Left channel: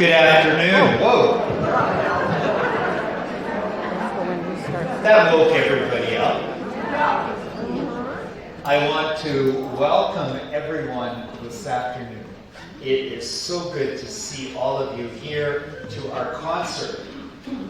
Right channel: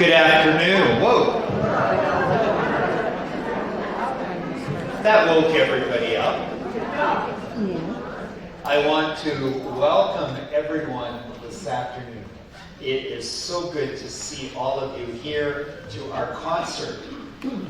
Good afternoon. Whoa. That woke everybody up. I want to welcome everyone this afternoon. It is so good to see all of you here to our concert,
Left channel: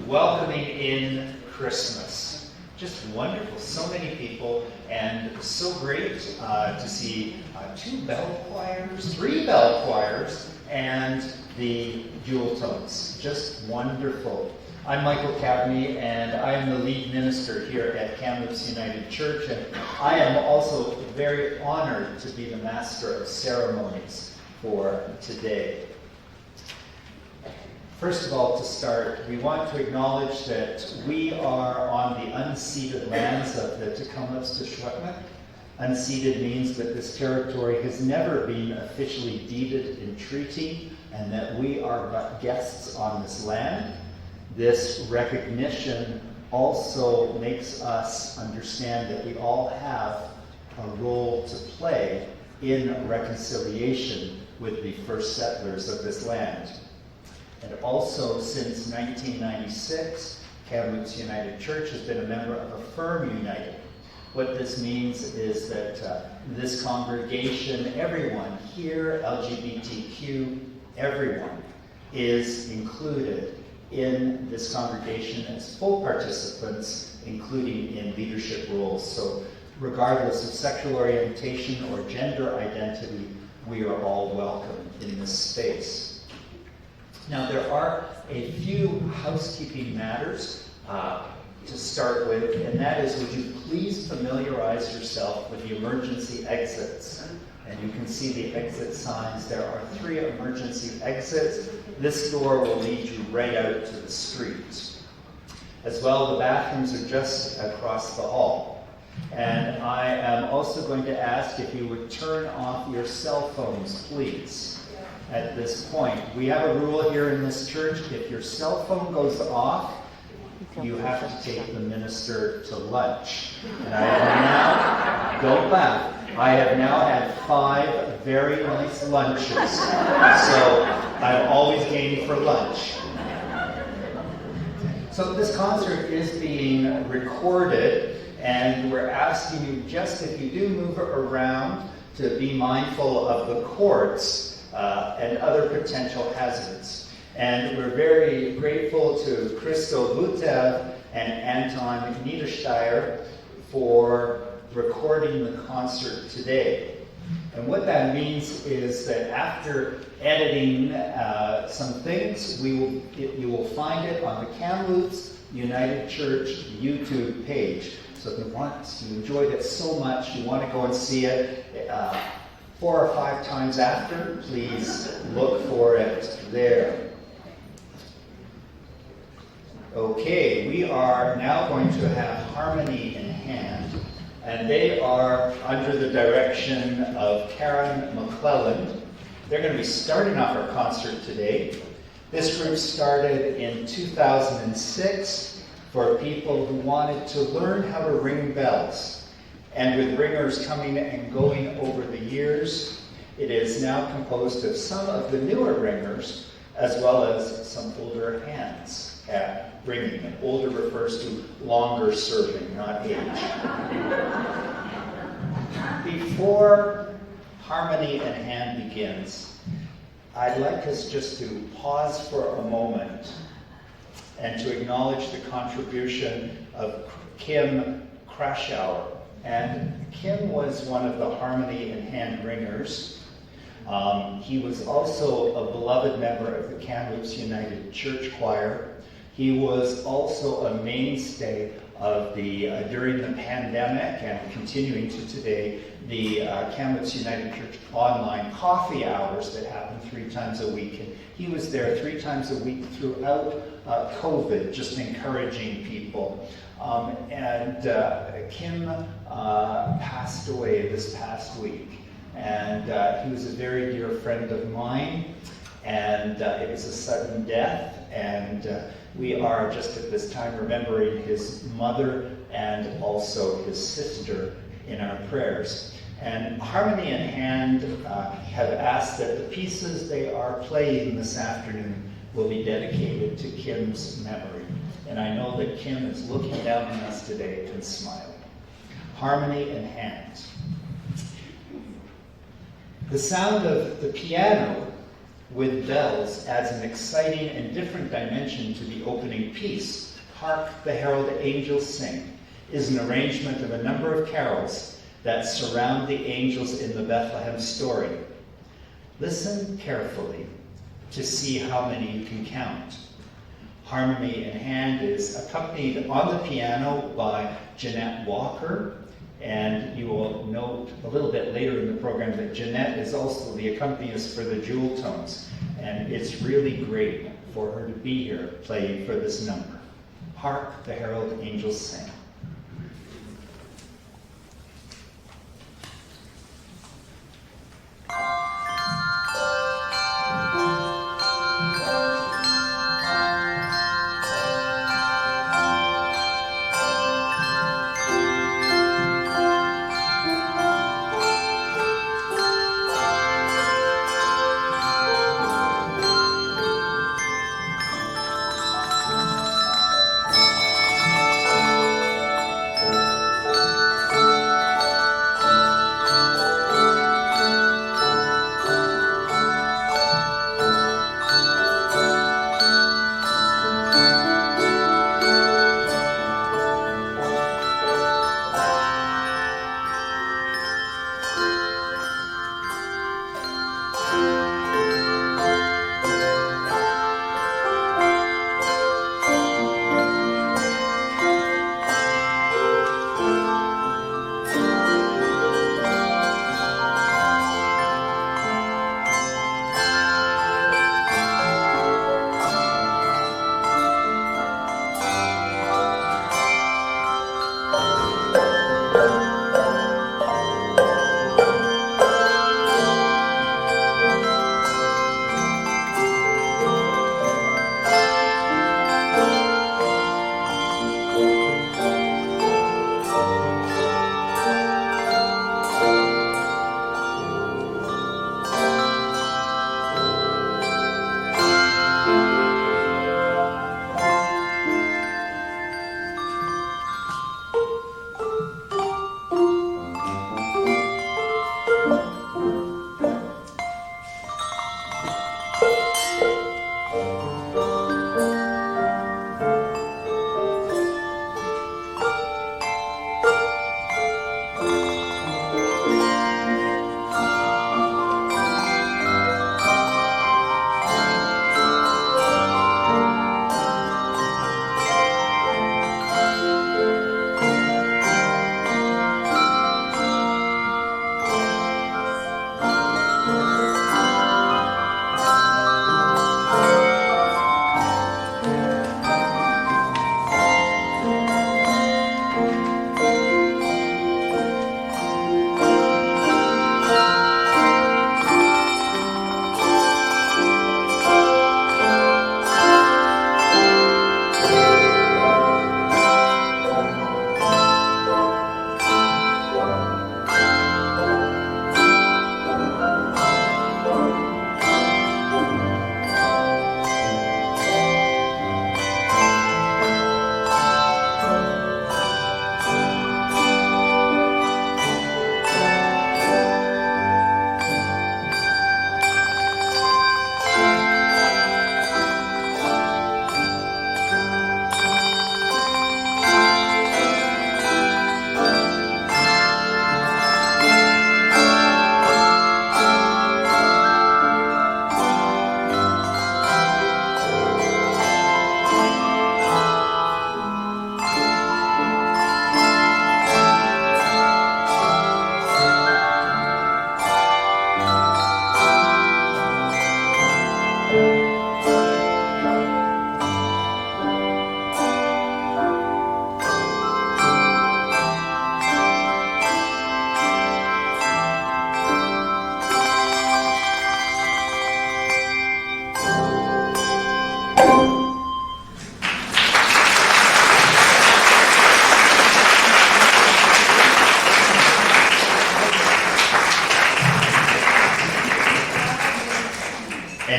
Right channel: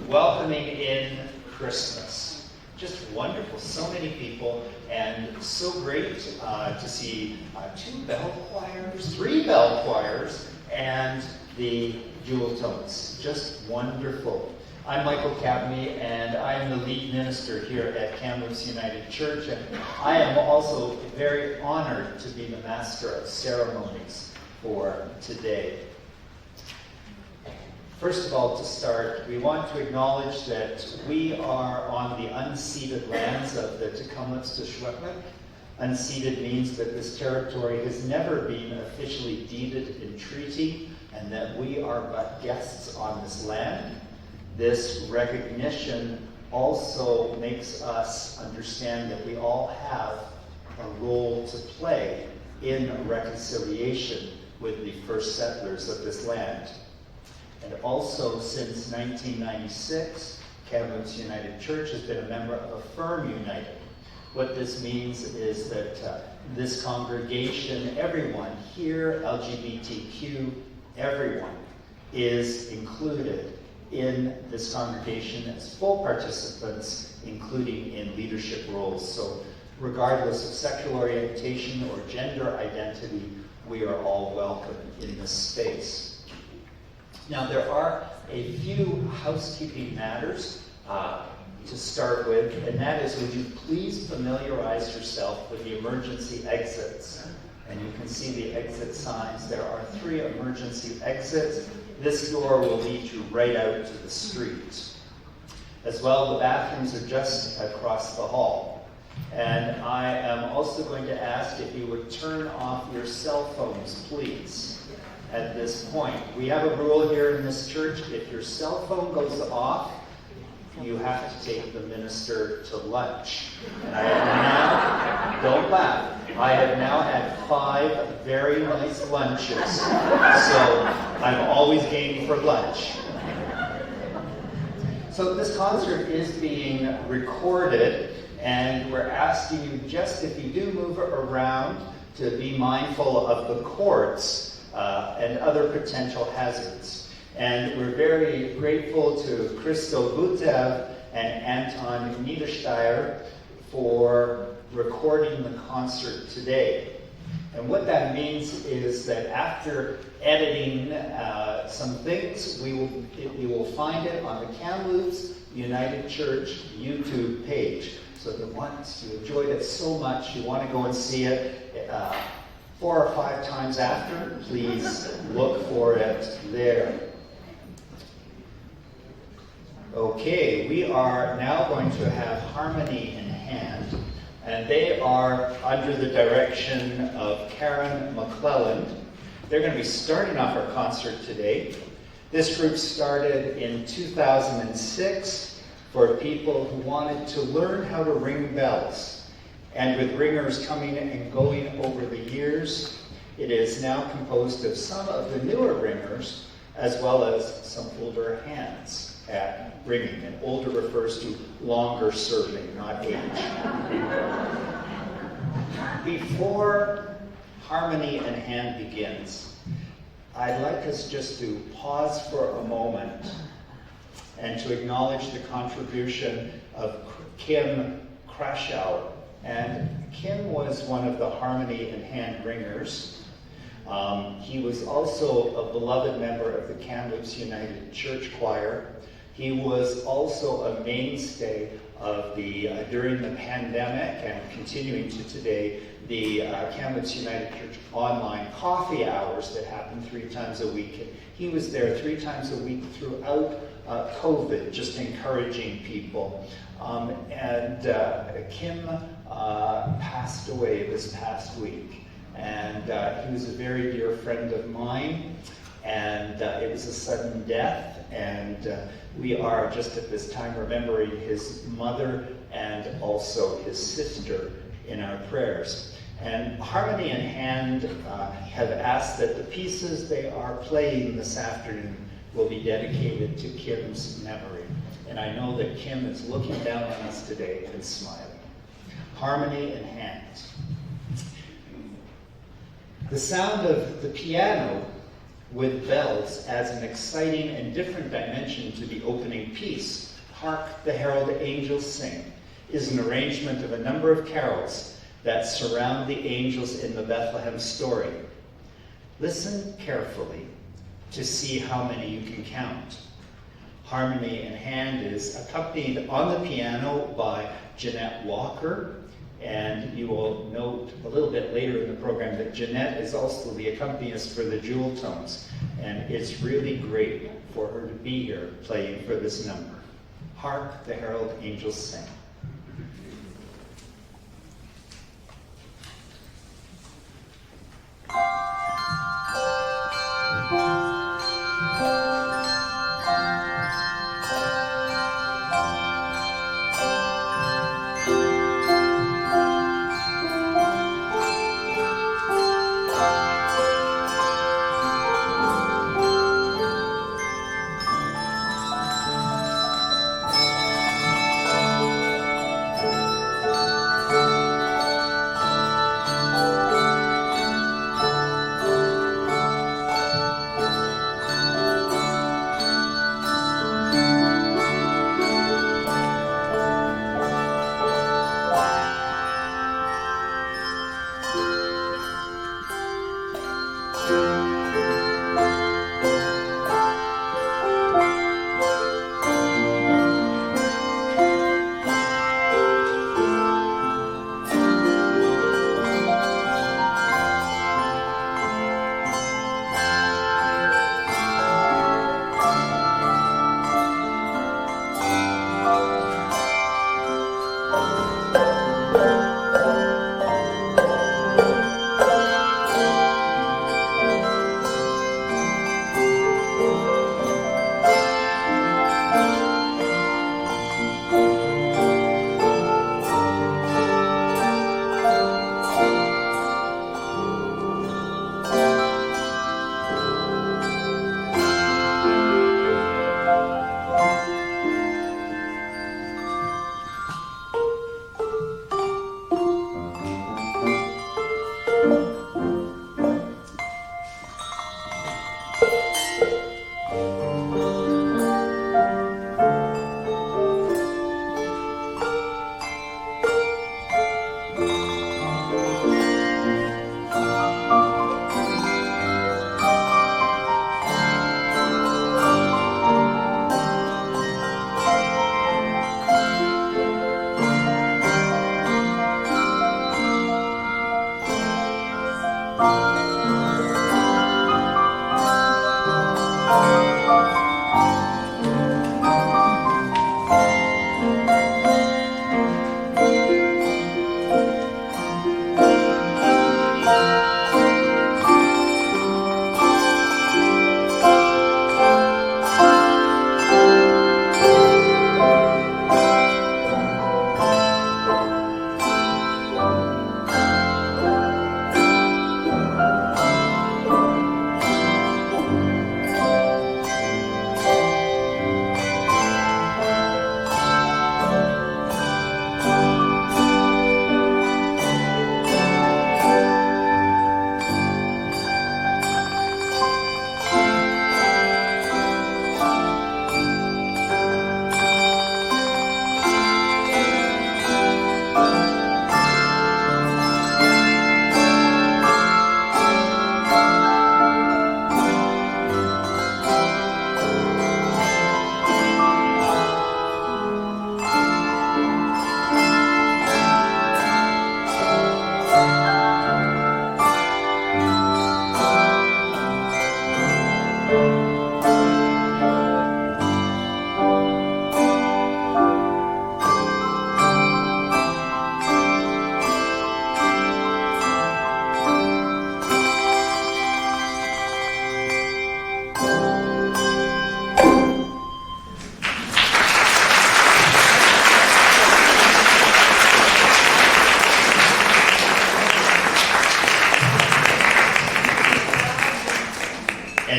welcoming in Christmas. Just wonderful. So many people, and so great to see 2 bell choirs, 3 bell choirs, and the Jeweltones. Just wonderful. I'm Michael Cavaney, and I'm the lead minister here at Kamloops United Church, and I am also very honored to be the master of ceremonies for today. First of all, to start, we want to acknowledge that we are on the unceded lands of the Tecumseh to Secwepemc. Unceded means that this territory has never been officially deeded in treaty, and that we are but guests on this land. This recognition also makes us understand that we all have a role to play in reconciliation with the first settlers of this land. And also, since 1996, Kamloops United Church has been a member of Affirm United. What this means is that this congregation, everyone here, LGBTQ, everyone, is included in this congregation as full participants, including in leadership roles. So regardless of sexual orientation or gender identity, we are all welcome in this space. Now, there are a few housekeeping matters to start with, and that is, would you please familiarize yourself with the emergency exits? And you can see the exit signs. There are 3 emergency exits. This door will lead you right out to the street. As well, the bathrooms are just across the hall. And I am also going to ask if you would turn off your cell phones, please, at this point. We have a rule here in this church. If your cell phone goes off, you have to take the minister to lunch. And I have now, don't laugh, I have now had 5 very nice lunches. So I've always gained for lunch. So this concert is being recorded, and we're asking you, just if you do move around, to be mindful of the cords and other potential hazards. And we're very grateful to Christo Butev and Anton Niedersteyer for recording the concert today. And what that means is that after editing some things, you will find it on the Kamloops United Church YouTube page. So if you enjoyed it so much, you want to go and see it 4 or 5 times after, please look for it there. Okay, we are now going to have Harmony in Hand, and they are under the direction of Karen McClelland. They're going to be starting off our concert today. This group started in 2006 for people who wanted to learn how to ring bells. And with ringers coming and going over the years, it is now composed of some of the newer ringers, as well as some older hands at ringing. And older refers to longer serving, not age. Before Harmony in Hand begins, I'd like us just to pause for a moment and to acknowledge the contribution of Kim Krashauer. And Kim was one of the Harmony in Hand ringers. He was also a beloved member of the Kamloops United Church Choir. He was also a mainstay of during the pandemic and continuing to today, the Kamloops United Church online coffee hours that happen 3 times a week. And he was there 3 times a week throughout COVID, just encouraging people. Kim passed away this past week. And he was a very dear friend of mine. And it was a sudden death. And we are just at this time remembering his mother and also his sister in our prayers. And Harmony in Hand have asked that the pieces they are playing this afternoon will be dedicated to Kim's memory. And I know that Kim is looking down on us today and smiling. Harmony in Hand. The sound of the piano with bells adds an exciting and different dimension to the opening piece. Hark the Herald Angels Sing is an arrangement of a number of carols that surround the angels in the Bethlehem story. Listen carefully to see how many you can count. Harmony in Hand is accompanied on the piano by Jeanette Walker, and you will note a little bit later in the program that Jeanette is also the accompanist for the Jeweltones, and it's really great for her to be here playing for this number. Hark the Herald Angels Sing.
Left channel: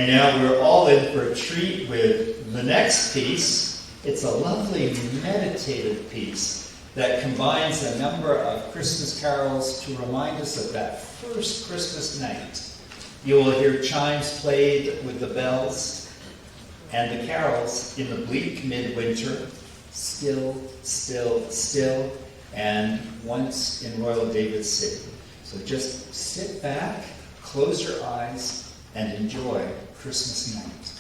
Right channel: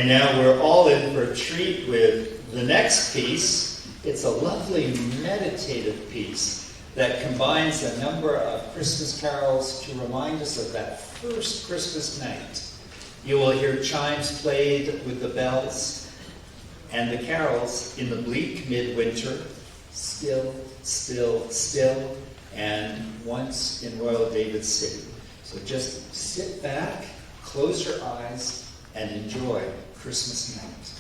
And now we're all in for a treat with the next piece. It's a lovely meditative piece that combines a number of Christmas carols to remind us of that first Christmas night. You will hear chimes played with the bells and the carols in the bleak midwinter, still, still, still, and once in Royal David City. So just sit back, close your eyes, and enjoy Christmas night.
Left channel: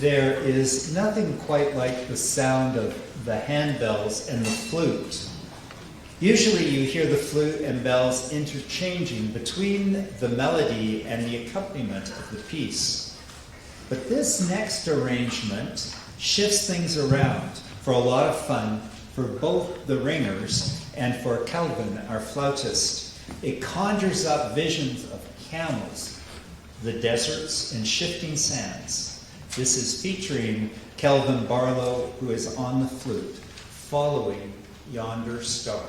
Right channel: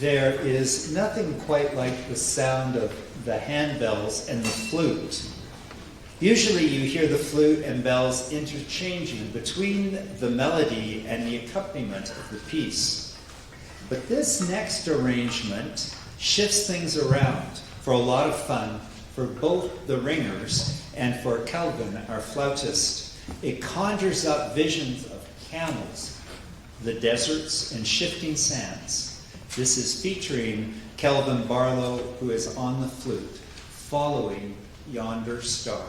There is nothing quite like the sound of the handbells and the flute. Usually you hear the flute and bells interchanging between the melody and the accompaniment of the piece. But this next arrangement shifts things around for a lot of fun for both the ringers and for Calvin, our flautist. It conjures up visions of camels The Deserts and Shifting Sands. This is featuring Kelvin Barlow, who is on the flute, Following Yonder Star.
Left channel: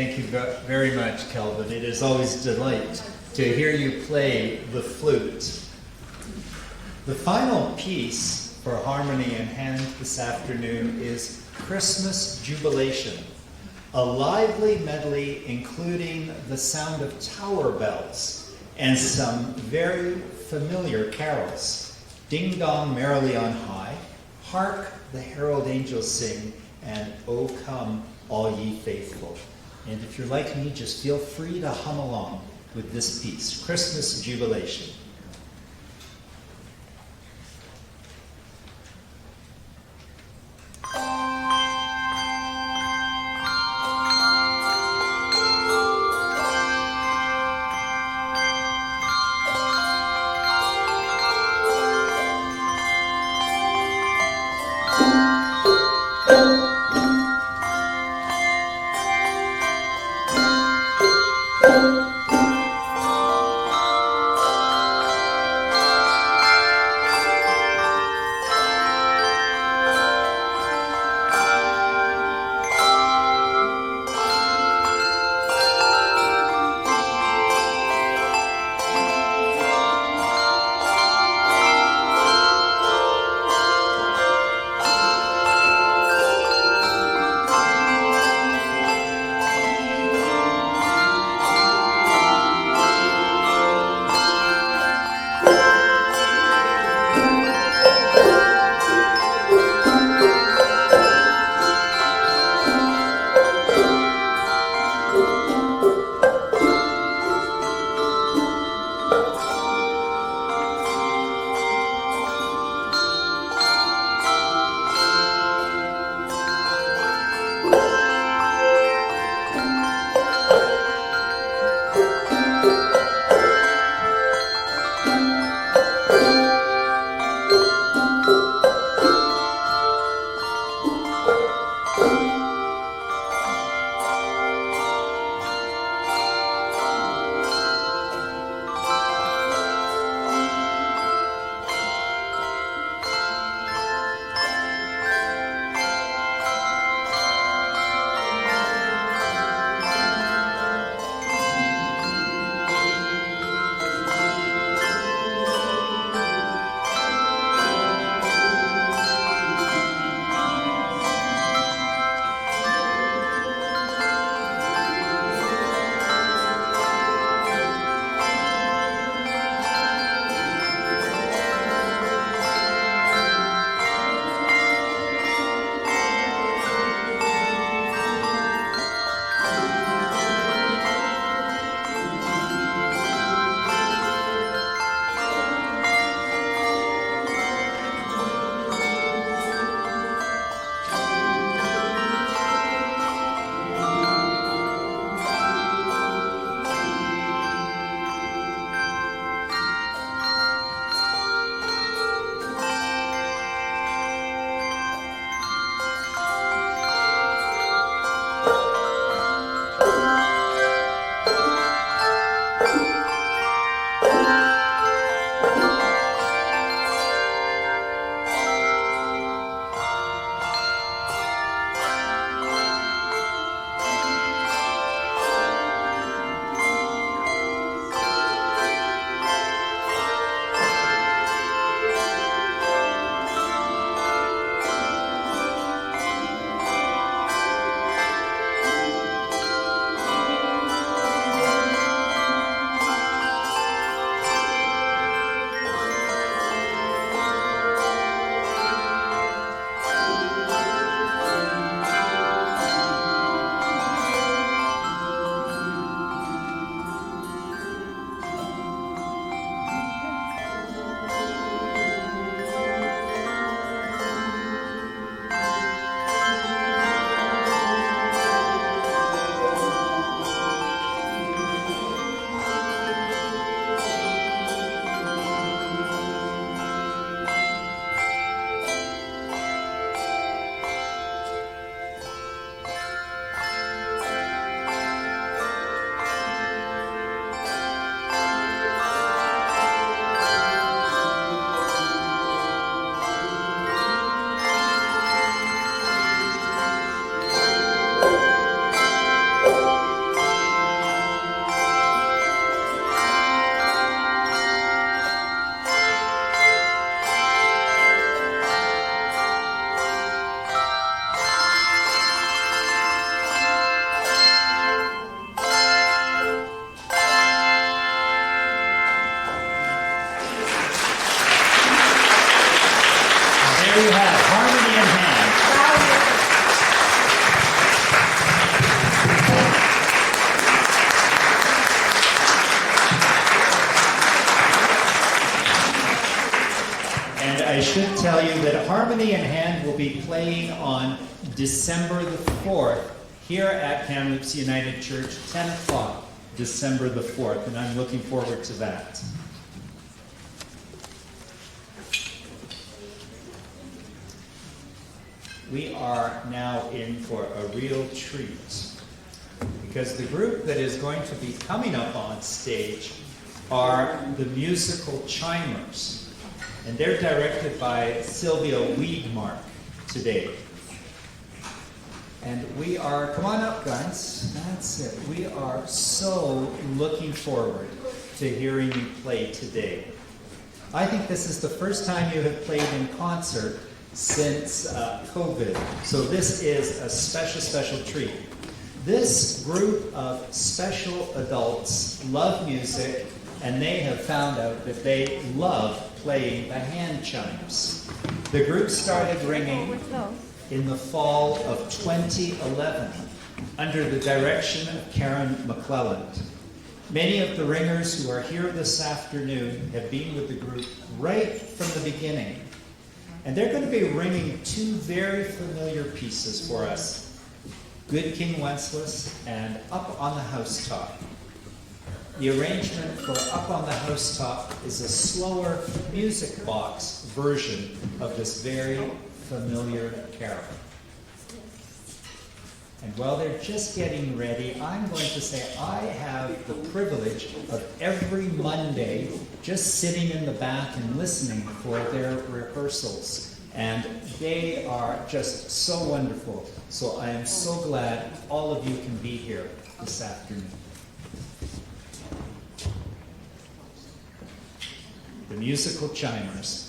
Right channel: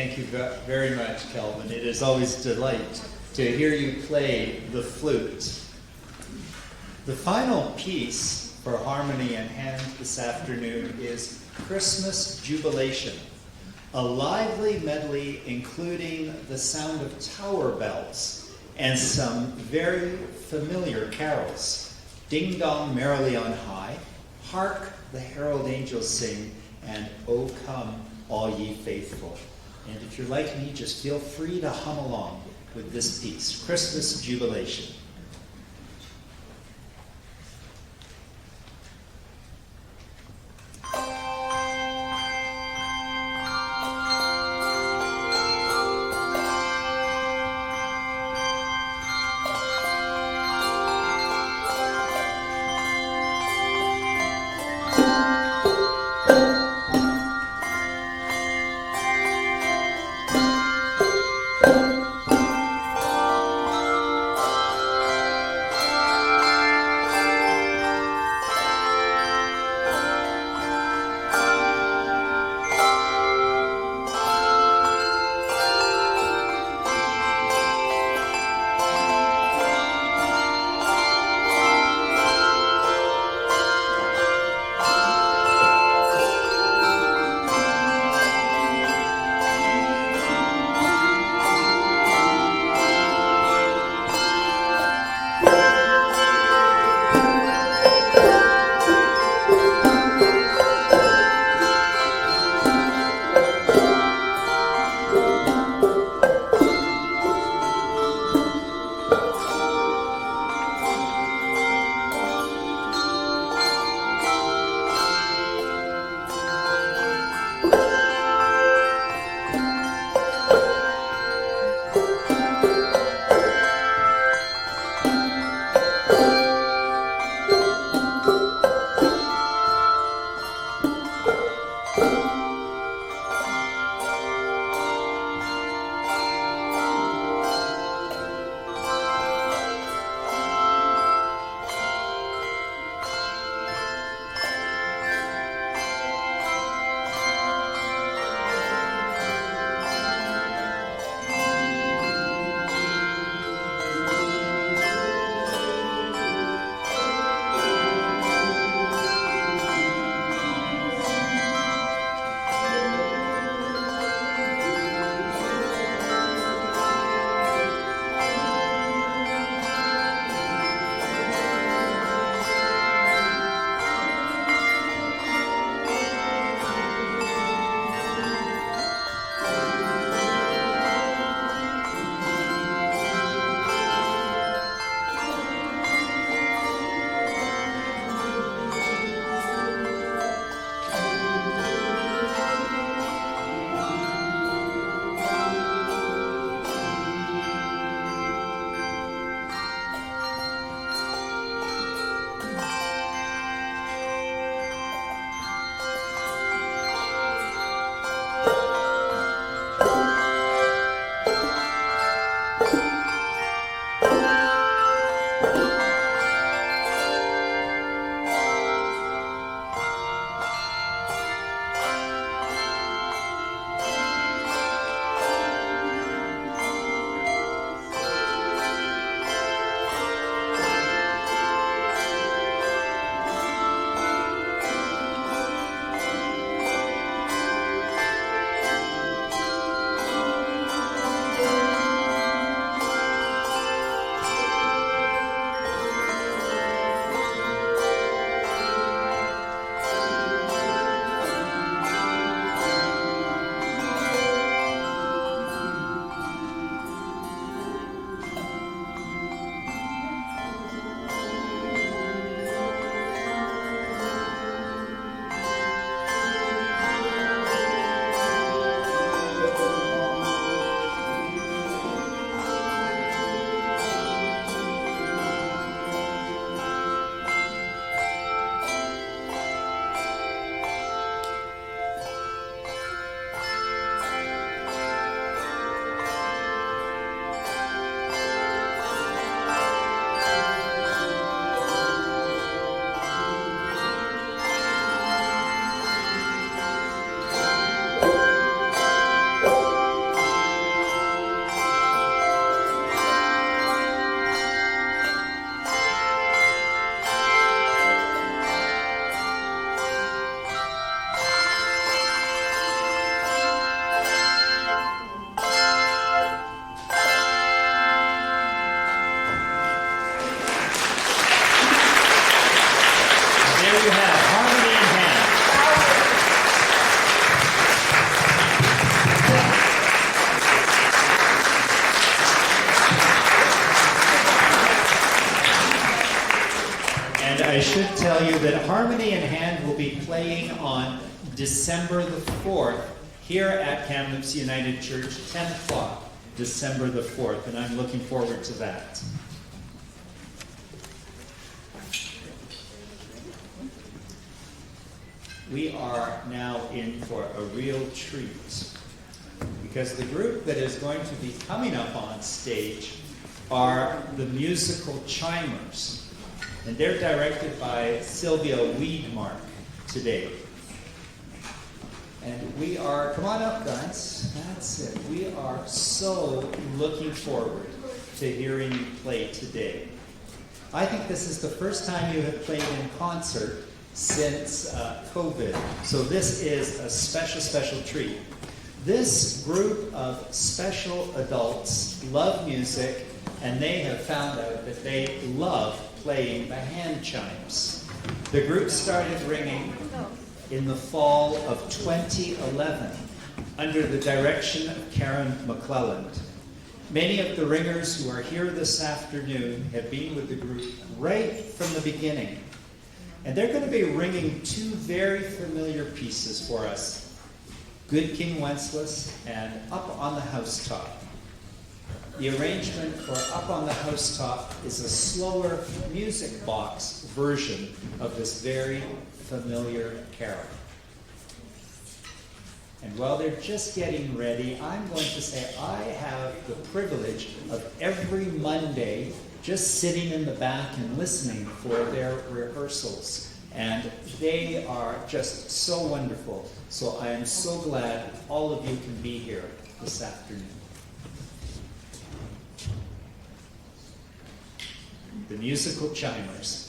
Thank you very much, Kelvin. It is always a delight to hear you play the flute. The final piece for harmony in hand this afternoon is Christmas Jubilation, a lively medley including the sound of tower bells and some very familiar carols. Ding Dong Merrily on High, Hark the Herald Angels Sing, and O Come All Ye Faithful. And if you're like me, just feel free to hum along with this piece, Christmas Jubilation. should tell you that Harmony in Hand will be playing on December the 4th here at Kamloops United Church, 10 o'clock, December the 4th, and I'm looking forward to that. We are now in for a real treat, because the group that is going to be coming up on stage are the musical Chimers, and they're directed by Sylvia Weedmark today. And we are, come on up guys, that's it. We are so looking forward to hearing you play today. I think this is the first time you have played in concert since COVID, so this is a special, special treat. This group of special adults love music, and they have found out that they love playing the hand chimes. The group started ringing in the fall of 2011 under the direction of Karen McClelland. Many of the ringers who are here this afternoon have been with the group right from the beginning. And they're going to be ringing two very familiar pieces for us, Good King Wenceslas and Up on the Housetop. The arrangement for Up on the Housetop is a slower music box version of this very familiar carol. And while they're just getting ready, I'm going to say I have the privilege of every Monday just sitting in the back and listening for their rehearsals. And they are just so wonderful. So I am so glad all of you can be here this afternoon. The musical Chimers.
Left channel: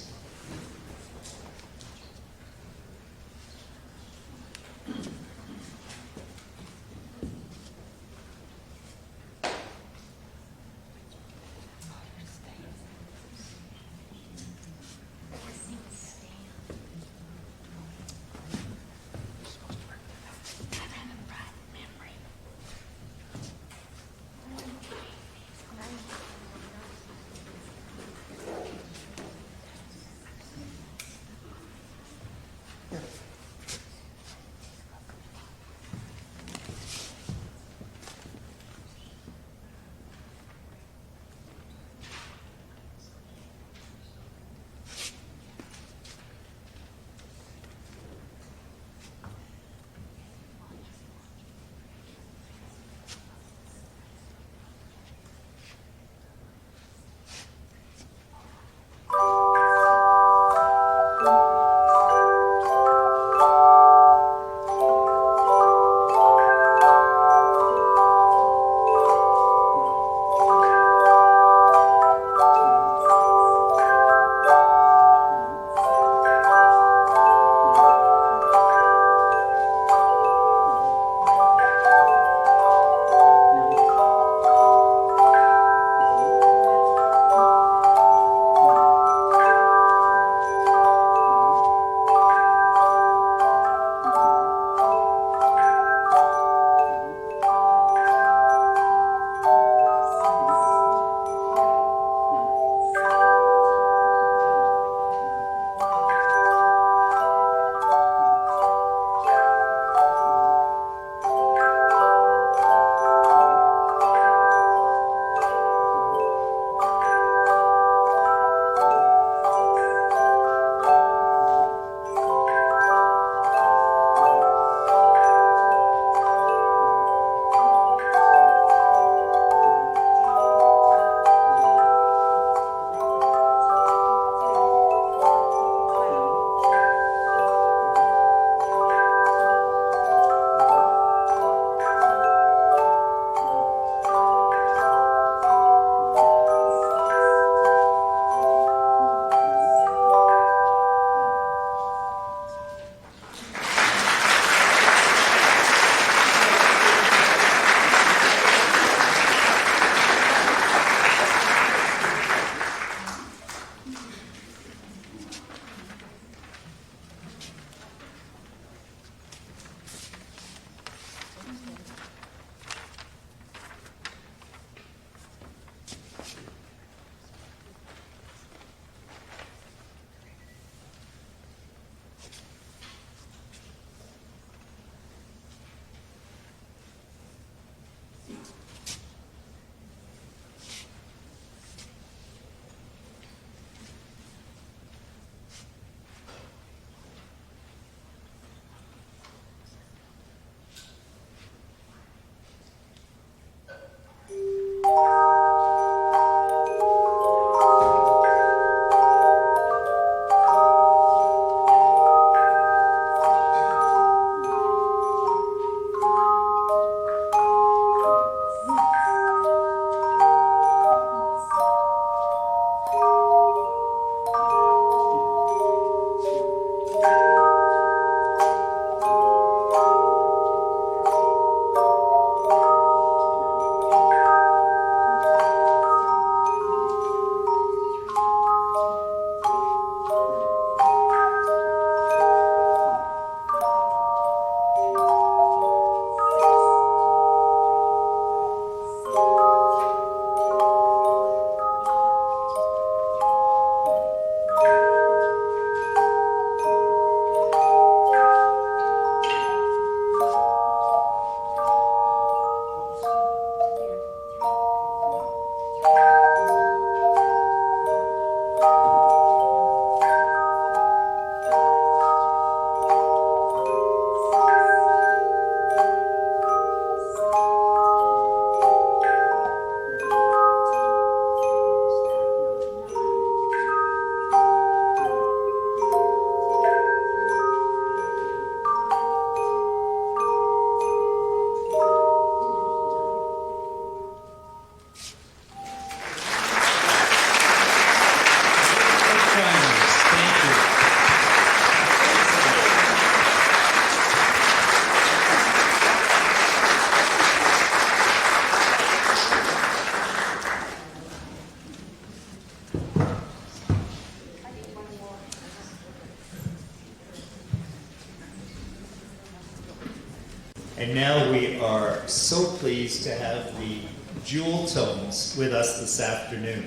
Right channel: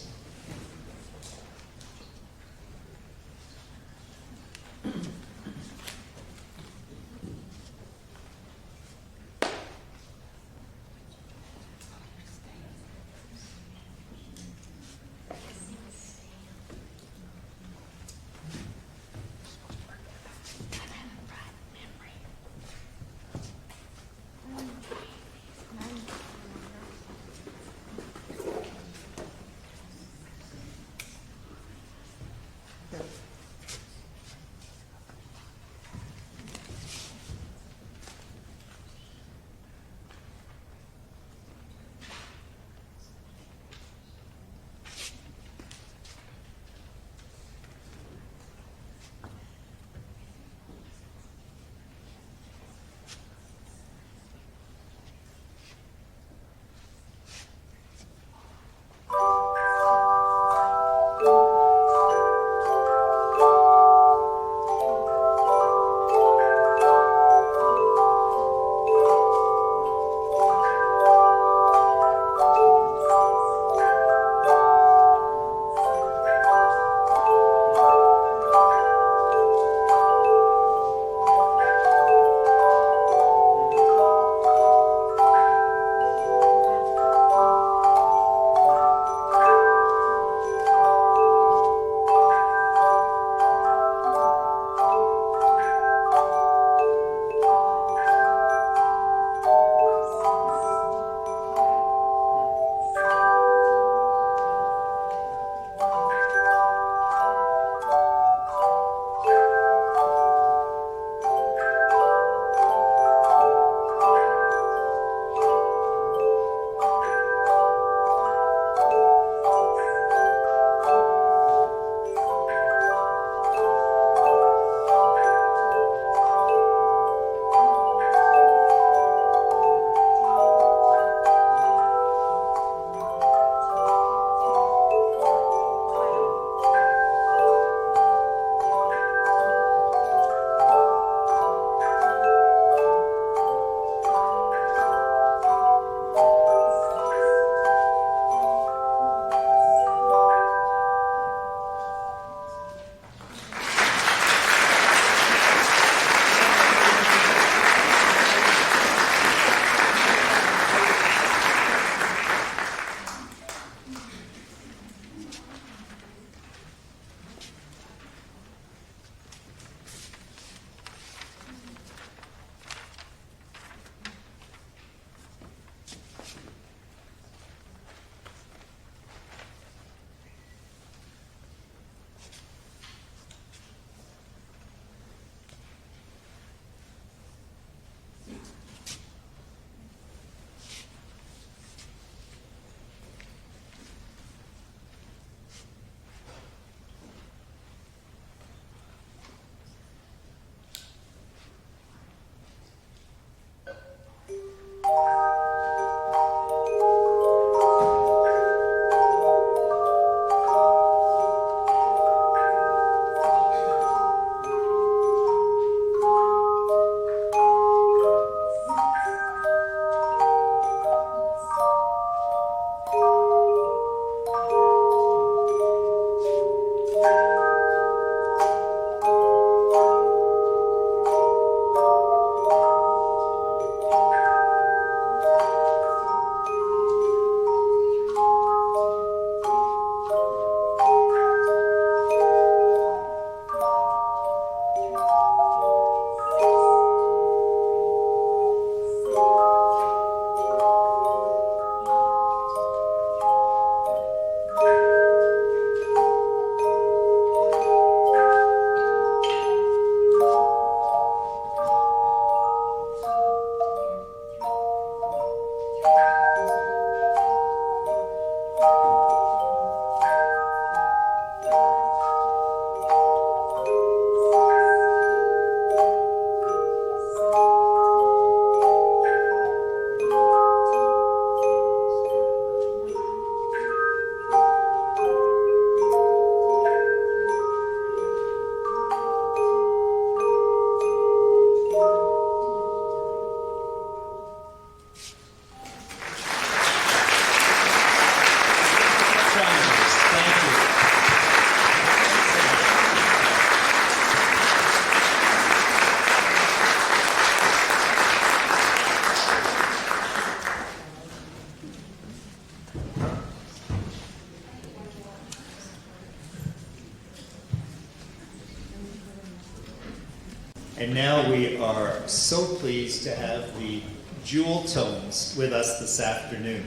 And now we are so pleased to have the Jeweltones with us this afternoon.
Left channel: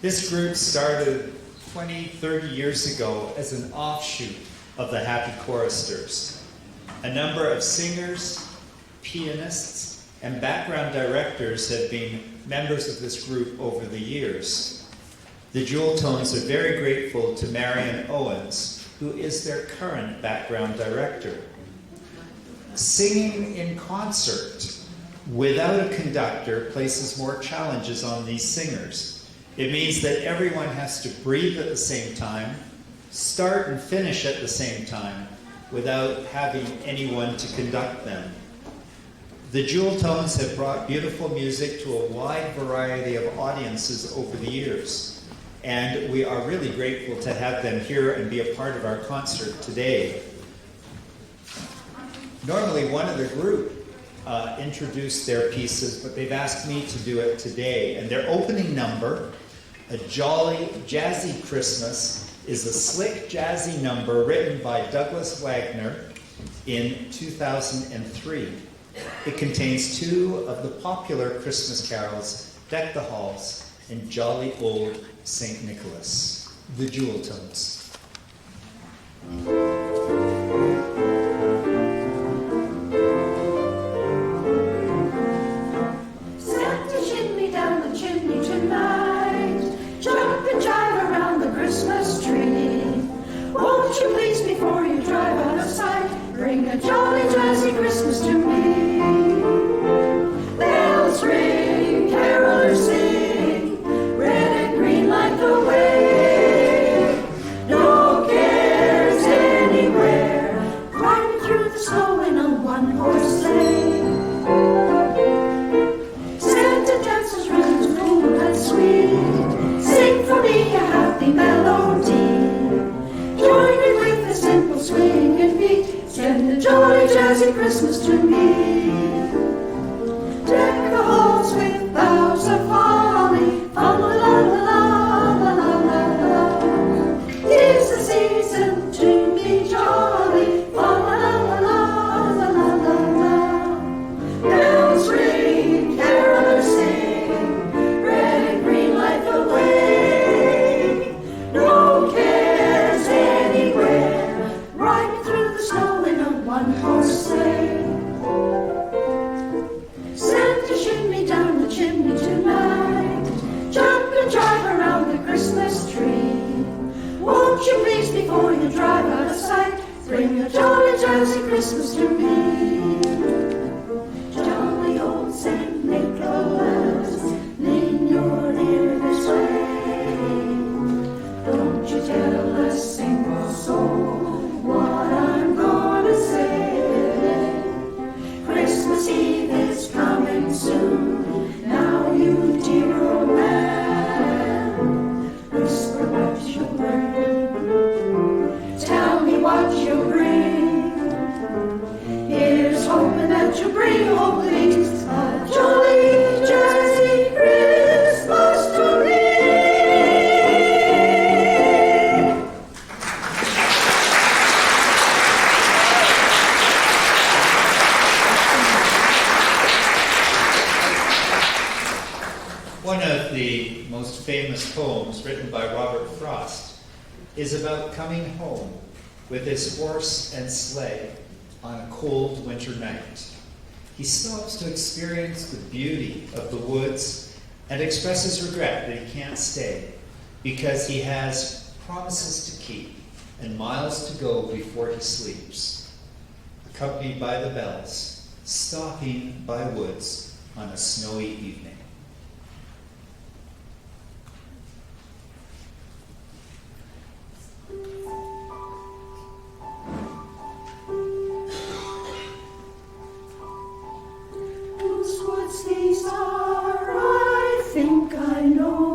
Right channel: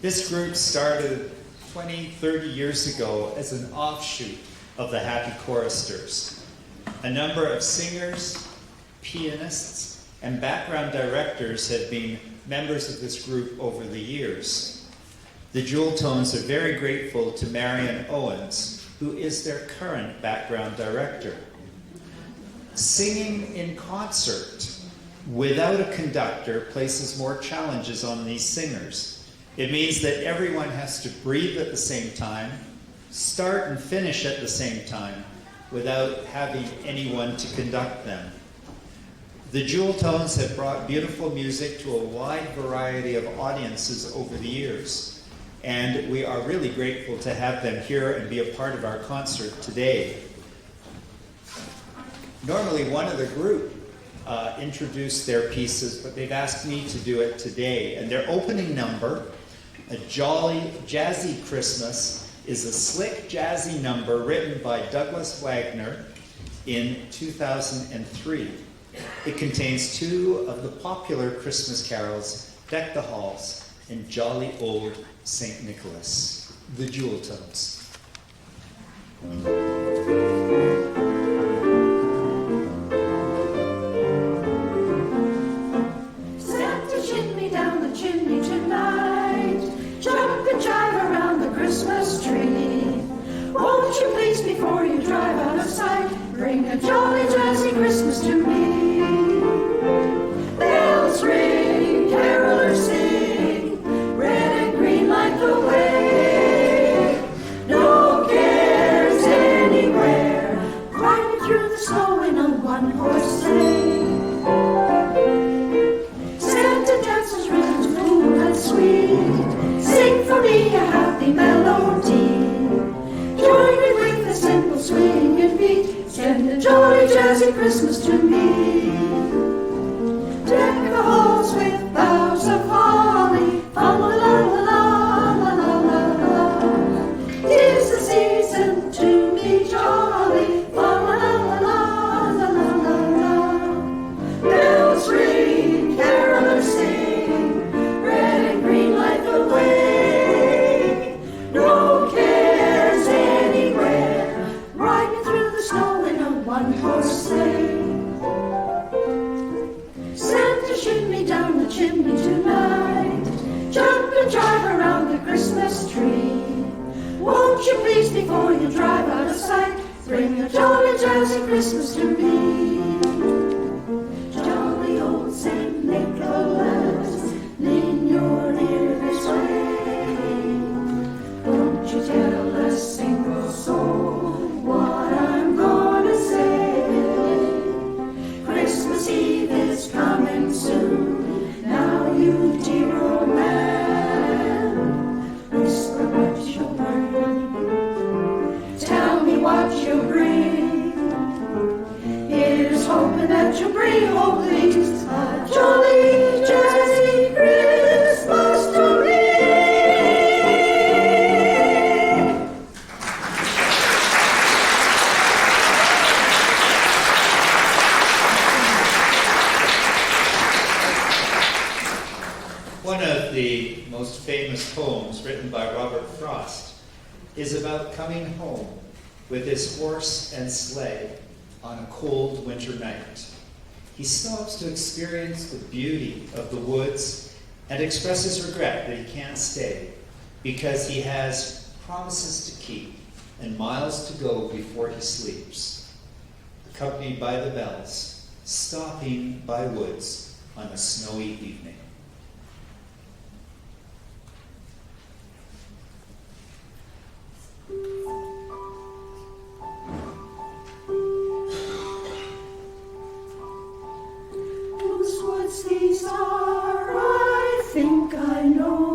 This group started 20, 30 years ago as an offshoot of the Happy Choristers. A number of singers, pianists, and background directors have been members of this group over the years. The Jeweltones are very grateful to Marion Owens, who is their current background director. Singing in concert without a conductor places more challenges on these singers. It means that everyone has to breathe at the same time, start and finish at the same time, without having anyone to conduct them. The Jeweltones have brought beautiful music to a wide variety of audiences over the years, and we are really grateful to have them here and be a part of our concert today. Normally one of the group introduced their pieces, but they've asked me to do it today. And their opening number, A Jolly Jazzy Christmas, is a slick jazzy number written by Douglas Wagner in 2003. It contains two of the popular Christmas carols, Deck the Halls and Jolly Old St. Nicholas. The Jeweltones. Chimney tonight, jump and jive around the Christmas tree. Won't you please, before you drive out of sight, bring a jolly jazzy Christmas to me. Bells ring, carolers sing, red and green light the way. No cares anywhere, riding through the snow in a one-horse sleigh. Sweet, sing for me a happy melody. Join in with a simple swing and beat. Send a jolly jazzy Christmas to me. Deck the halls with boughs of holly. Fa la la la la la la la. 'Tis the season to be jolly. Fa la la la la la la la. Bells ring, carolers sing. Away. No cares anywhere, riding through the snow in a one-horse sleigh. Santa shimmy down the chimney tonight, jump and drive around the Christmas tree. Won't you please, before you drive out of sight, bring a jolly jazzy Christmas to me. Jolly old St. Nicholas, lean your ear this way. Don't you tell a single soul what I'm gonna say. Christmas Eve is coming soon. Now you dear old man, whisper what you'll bring. Tell me what you'll bring. Here's hoping that you'll bring, oh please, a jolly jazzy Christmas to me. One of the most famous poems written by Robert Frost is about coming home with his horse and sleigh on a cold winter night. He stops to experience the beauty of the woods and expresses regret that he can't stay because he has promises to keep and miles to go before he sleeps. Accompanied by the bells, stopping by woods on a snowy evening. Whose woods these are, I think I know.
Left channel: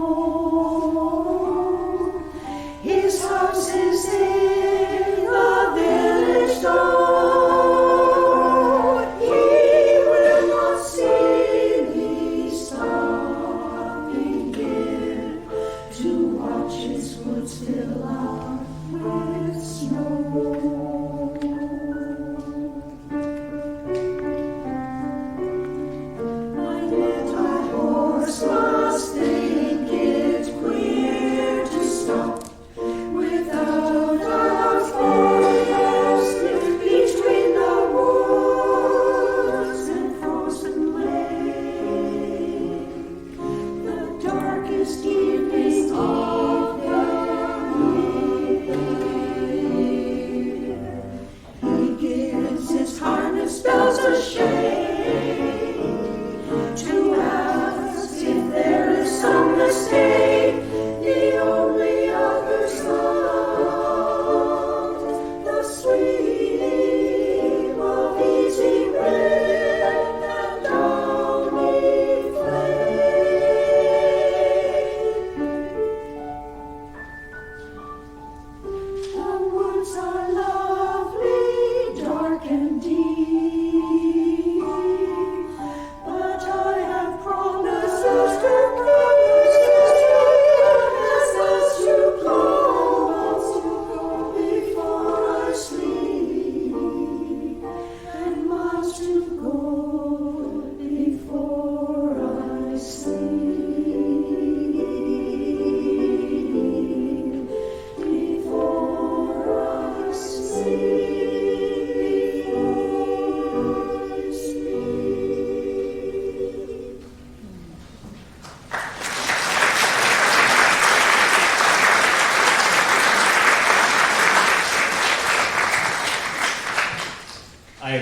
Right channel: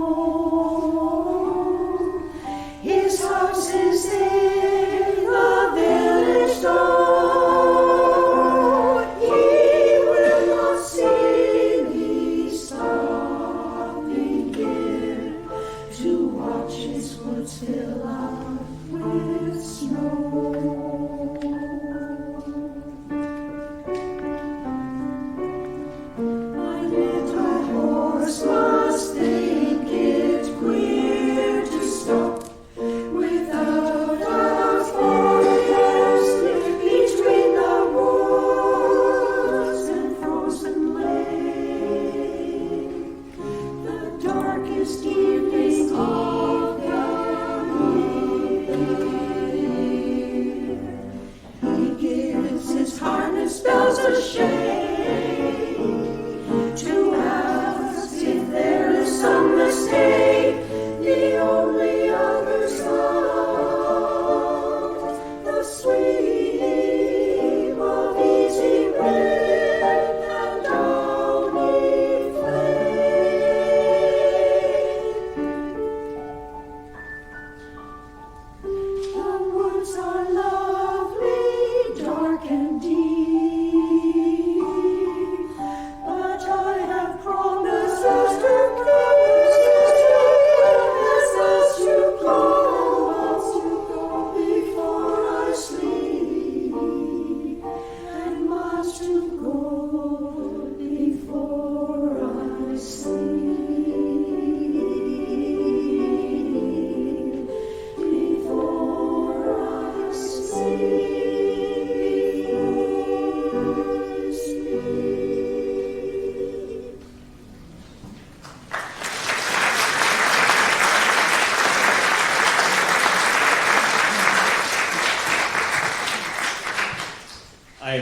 His house is in the village door. He will not see me sigh.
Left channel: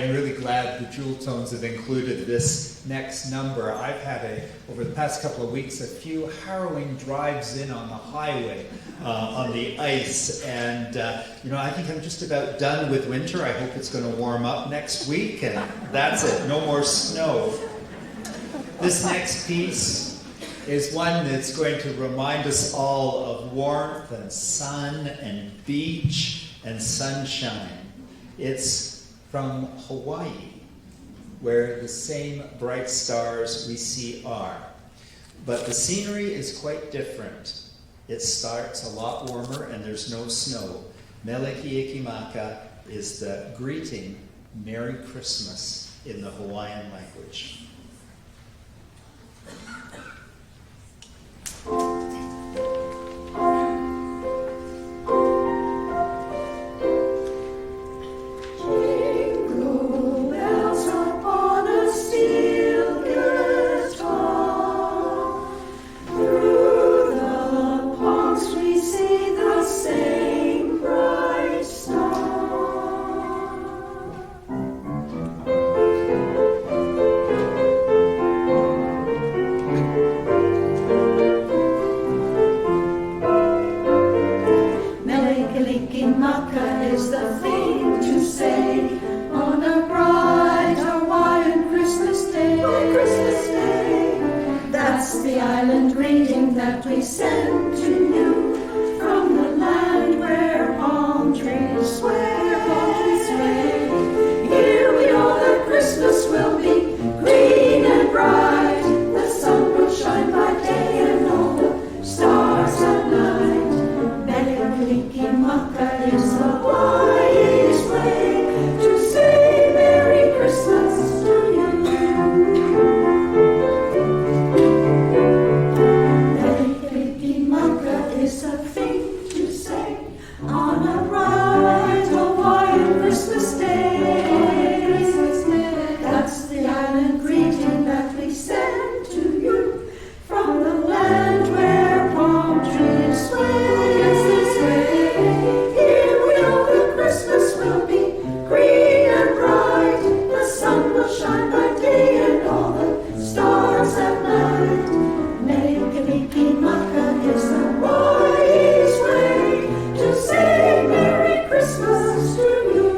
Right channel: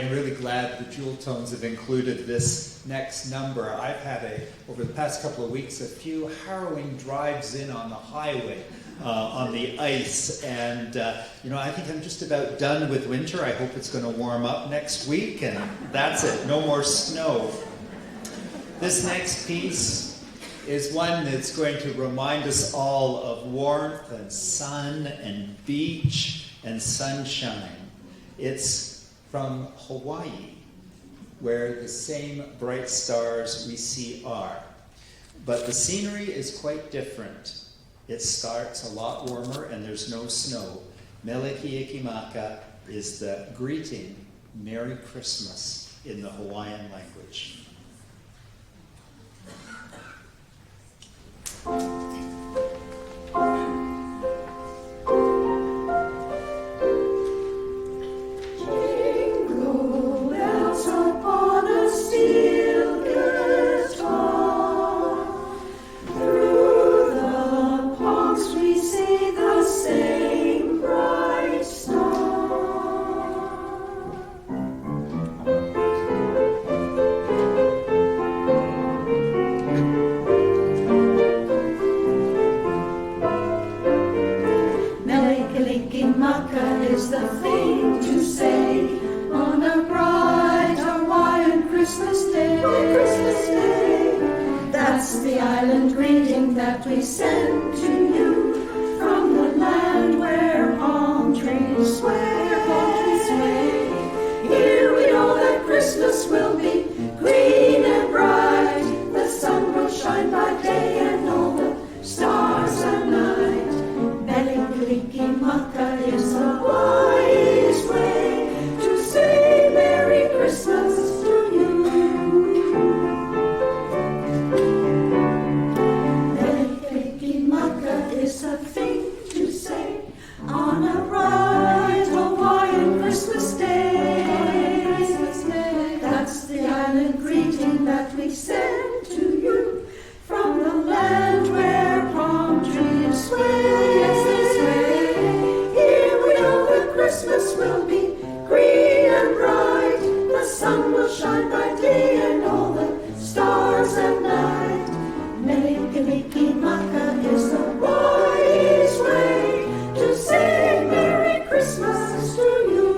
am really glad the Jeweltones have included this next number. I've had, over the past couple of weeks, a few harrowing drives in on the highway, on the ice, and I think I'm just about done with winter. I hope it's going to warm up next week, and that's it. No more snow. This next piece is one that's going to remind us all of warmth and sun and beach and sunshine. It's from Hawaii, where the same bright stars we see are. But the scenery is quite different. It starts a lot warmer and there's no snow. Melekiikimaka is the greeting, Merry Christmas, in the Hawaiian language. Jingle bells upon a steel guitar. Through the palms we see the same bright star. Mele-Kalikimaka is the thing to say on a bright Hawaiian Christmas day. That's the island greeting that we send to you from the land where palm trees sway. Here we know that Christmas will be green and bright. The sun will shine by day and all the stars at night. Mele-Kalikimaka is a wise way to say Merry Christmas to you. Mele-Kalikimaka is a thing to say on a bright Hawaiian Christmas day. That's the island greeting that we send to you from the land where palm trees sway. Here we know that Christmas will be green and bright. The sun will shine by day and all the stars at night. Mele-Kalikimaka is the wise way to say Merry Christmas to you.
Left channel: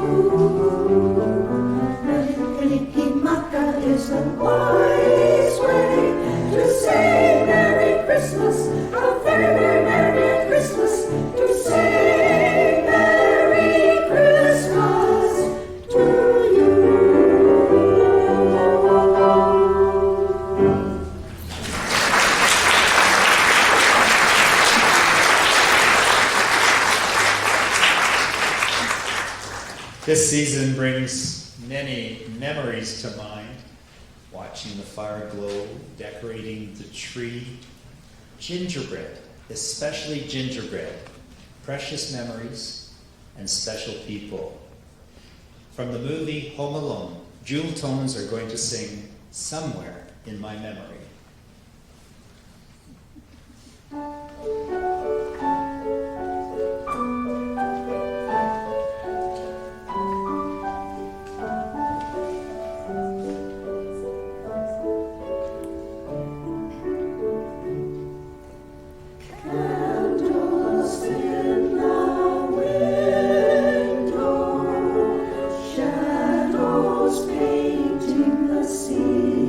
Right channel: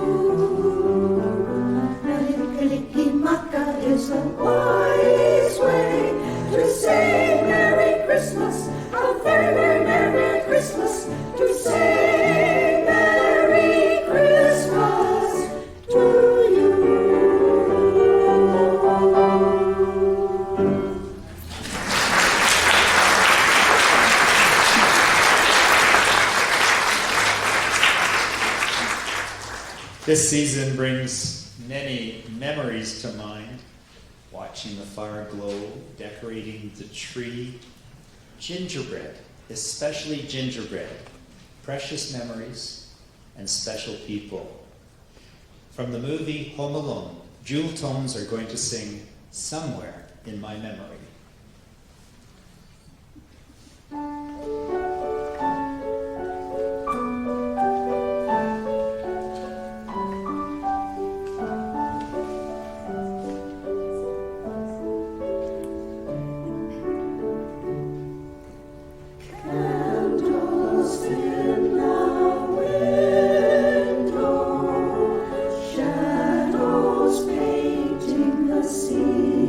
Mele-Kalikimaka is the wise way to say Merry Christmas. A very, very Merry Christmas to say Merry Christmas to you. This season brings many memories to mind. Watching the fire glow, decorating the tree, gingerbread, especially gingerbread, precious memories and special people. From the movie Home Alone, Jeweltones are going to sing Somewhere in My Memory. Candles in the window, shadows painting the ceiling.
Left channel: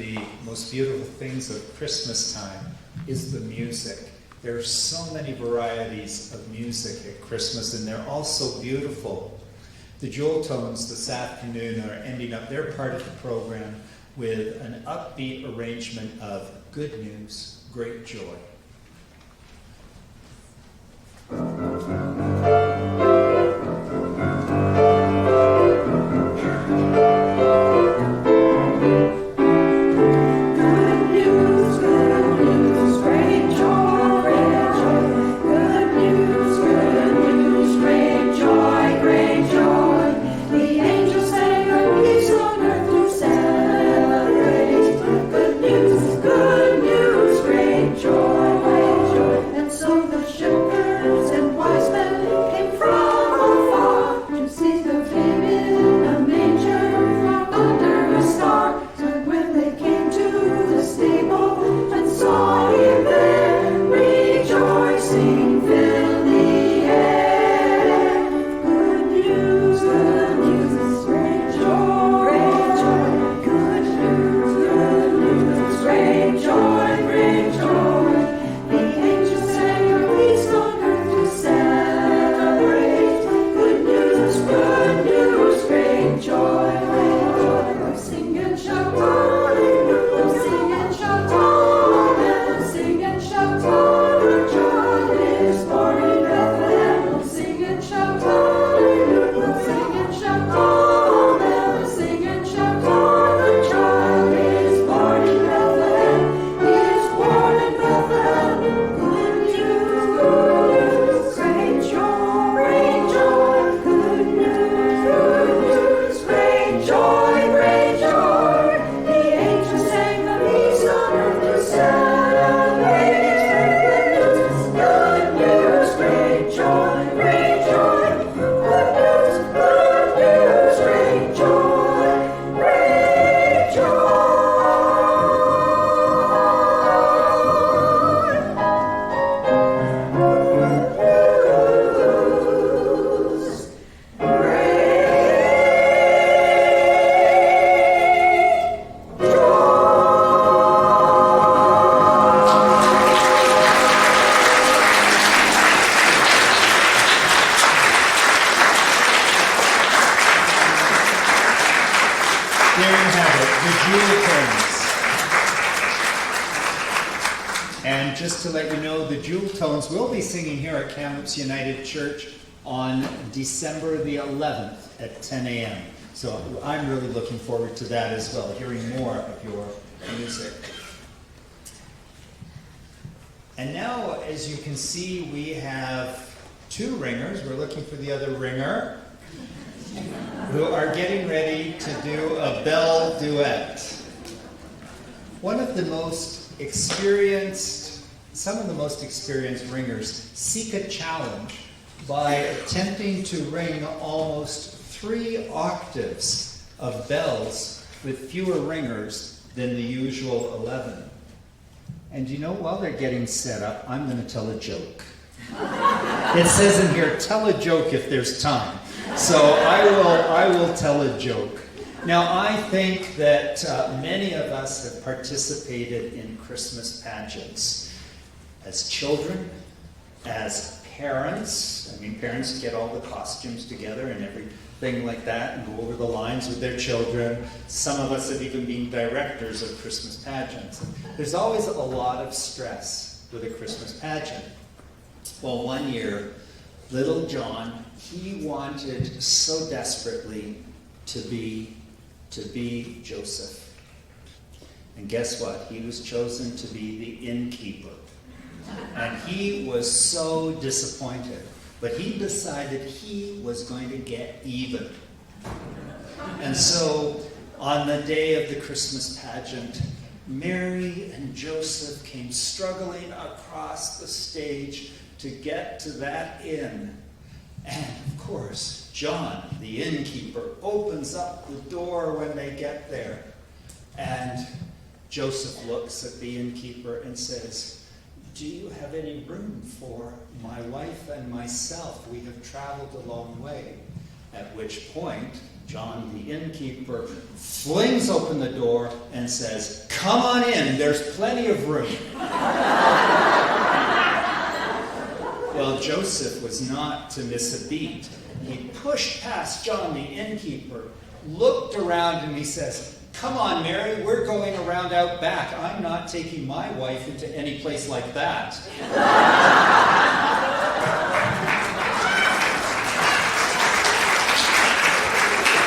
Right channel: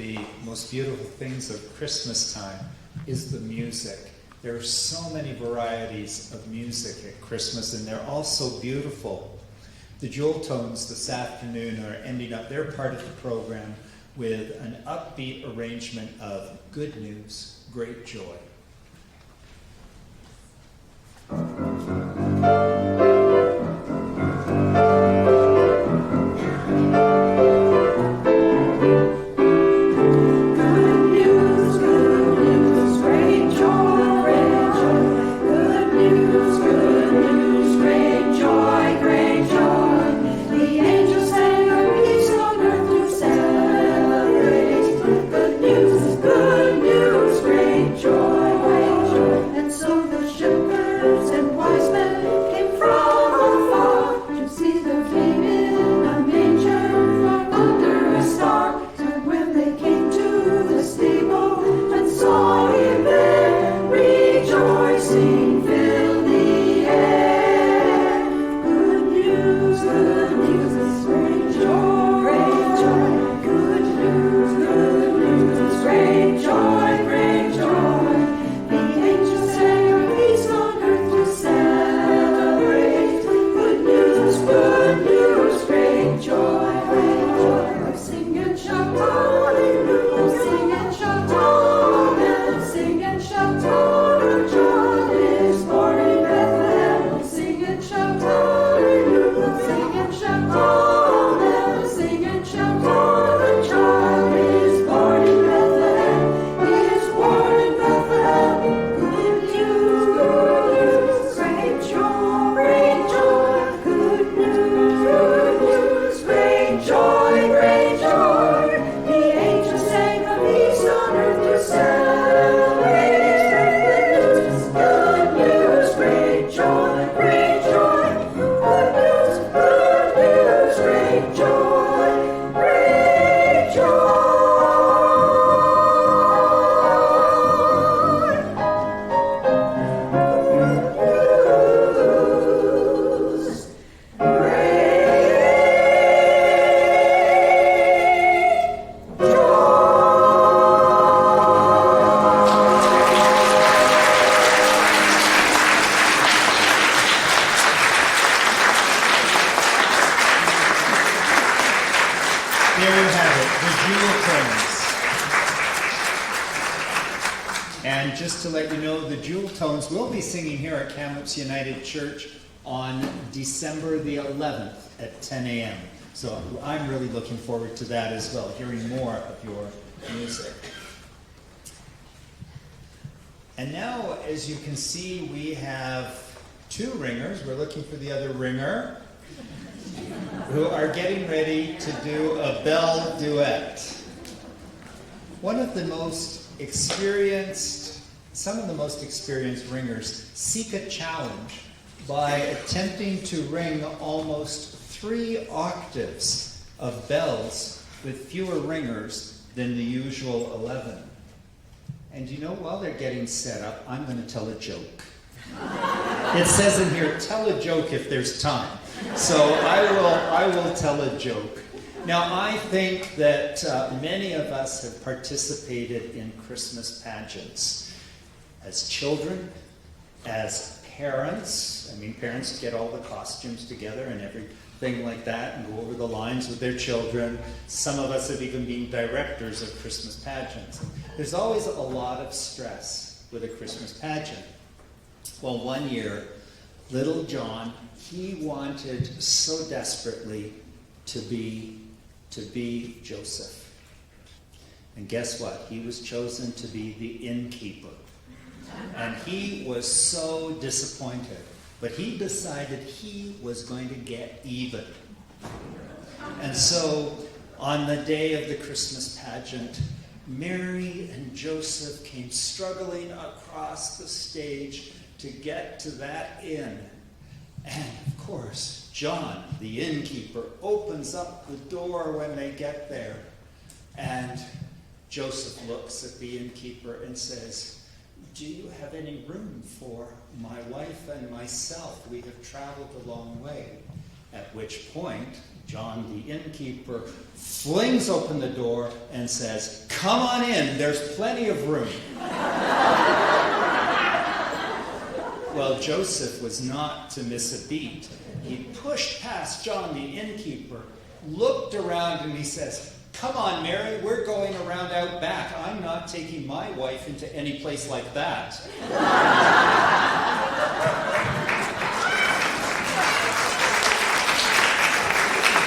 the most beautiful things of Christmas time is the music. There are so many varieties of music at Christmas, and they're all so beautiful. The Jeweltones this afternoon are ending up their part of the program with an upbeat arrangement of Good News, Great Joy. There you have it, the Jeweltones. And just to let you know, the Jeweltones will be singing here at Kamloops United Church on December the 11th at 10 a.m. So I'm really looking forward to that as well, hearing more of your music. And now, as you can see, we have two ringers. We're looking for the other ringer, who are getting ready to do a bell duet. One of the most experienced, some of the most experienced ringers seek a challenge by attempting to ring almost 3 octaves of bells with fewer ringers than the usual 11. And you know, while they're getting set up, I'm going to tell a joke. It says in here, tell a joke if there's time. So I will tell a joke. Now, I think that many of us have participated in Christmas pageants. As children, as parents, I mean, parents get all the costumes together and everything like that and go over the lines with their children. Some of us have even been directors of Christmas pageants. And there's always a lot of stress with a Christmas pageant. Well, one year, little John, he wanted so desperately to be Joseph. And guess what? He was chosen to be the innkeeper. And he was so disappointed. But he decided he was going to get even. And so, on the day of the Christmas pageant, Mary and Joseph came struggling across the stage to get to that inn. And of course, John, the innkeeper, opens up the door when they get there. And Joseph looks at the innkeeper and says, "Do you have any room for my wife and myself? We have traveled a long way." At which point, John, the innkeeper, flings open the door and says, "Come on in, there's plenty of room." Well, Joseph was not to miss a beat. He pushed past John, the innkeeper, looked around, and he says, "Come on, Mary, we're going around out back. I'm not taking my wife into any place like that."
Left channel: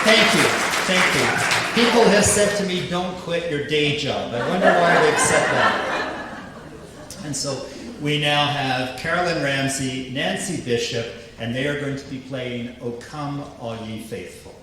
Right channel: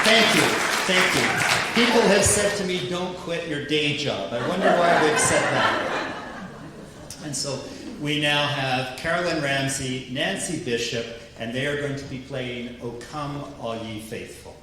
Thank you. People have said to me, "Don't quit your day job." I wonder why they've said that. And so we now have Carolyn Ramsey, Nancy Bishop, and they are going to be playing "O Come All Ye Faithful."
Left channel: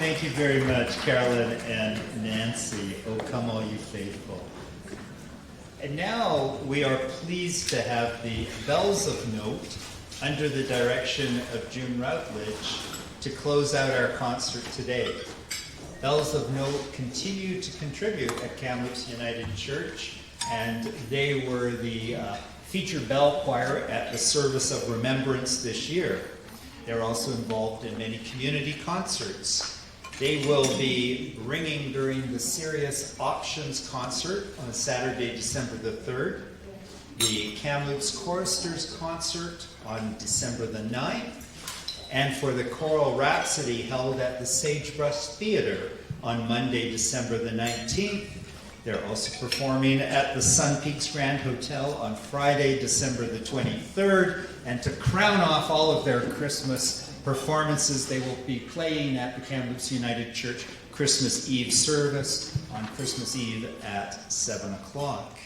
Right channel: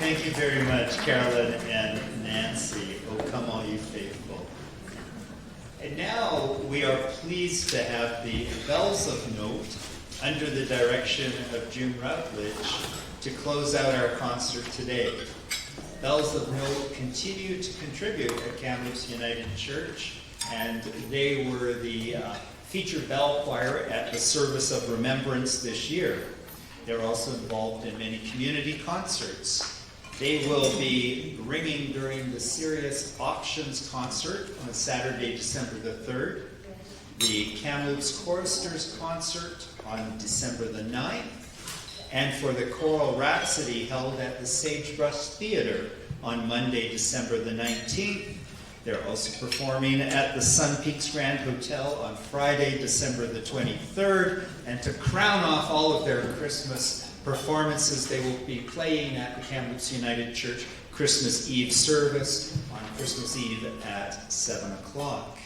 Thank you very much, Carolyn and Nancy. Oh, come all you faithful. And now we are pleased to have the Bells of Note under the direction of June Routledge to close out our concert today. Bells of Note continue to contribute at Kamloops United Church, and they were the featured bell choir at the Service of Remembrance this year. They're also involved in many community concerts. They will be ringing during the Serious Auctions concert on Saturday, December the 3rd, the Kamloops Choristers concert on December the 9th, and for the choral rhapsody held at the Sagebrush Theatre on Monday, December the 19th. They're also performing at the Sun Peaks Grand Hotel on Friday, December the 23rd. And to crown off all of their Christmas performances, they will be playing at the Kamloops United Church Christmas Eve service on Christmas Eve at 7 o'clock.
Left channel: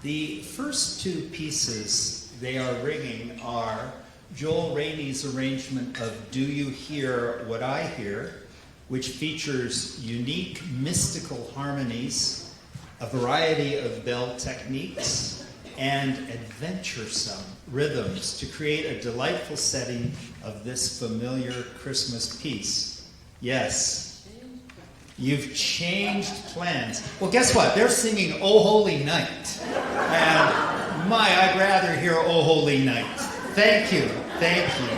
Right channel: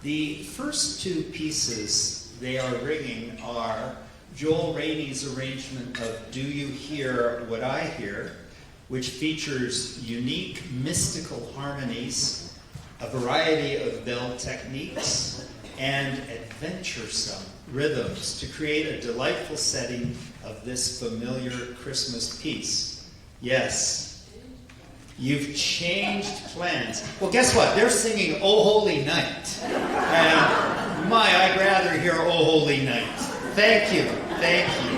The first two pieces they are ringing are Joel Rainey's arrangement of Do You Hear What I Hear, which features unique mystical harmonies, a variety of bell techniques, and adventuresome rhythms to create a delightful setting of this familiar Christmas piece. Yes, you've changed plans. Well, guess what? They're singing Oh Holy Night. And my, I'd rather hear Oh Holy Night. Thank you. Thank you.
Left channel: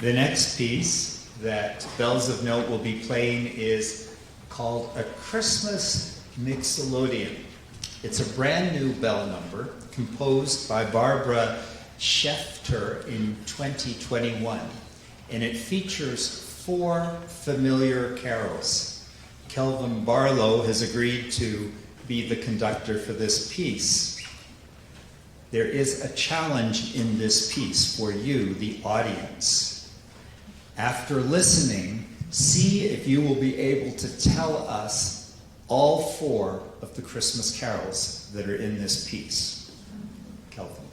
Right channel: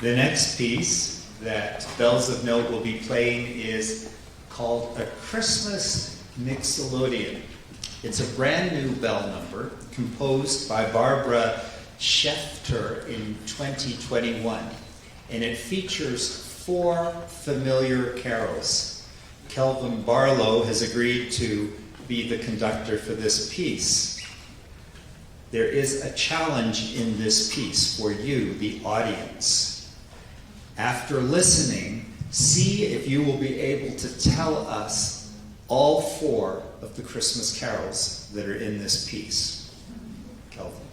The next piece that Bells of Note will be playing is called A Christmas Mixolydian. It's a brand new bell number composed by Barbara Schefter in 2021, and it features 4 familiar carols. Kelvin Barlow has agreed to be the conductor for this piece. There is a challenge in this piece for you, the audience. After listening, see if you will be able to tell us all 4 of the Christmas carols that are in this piece. Kelvin.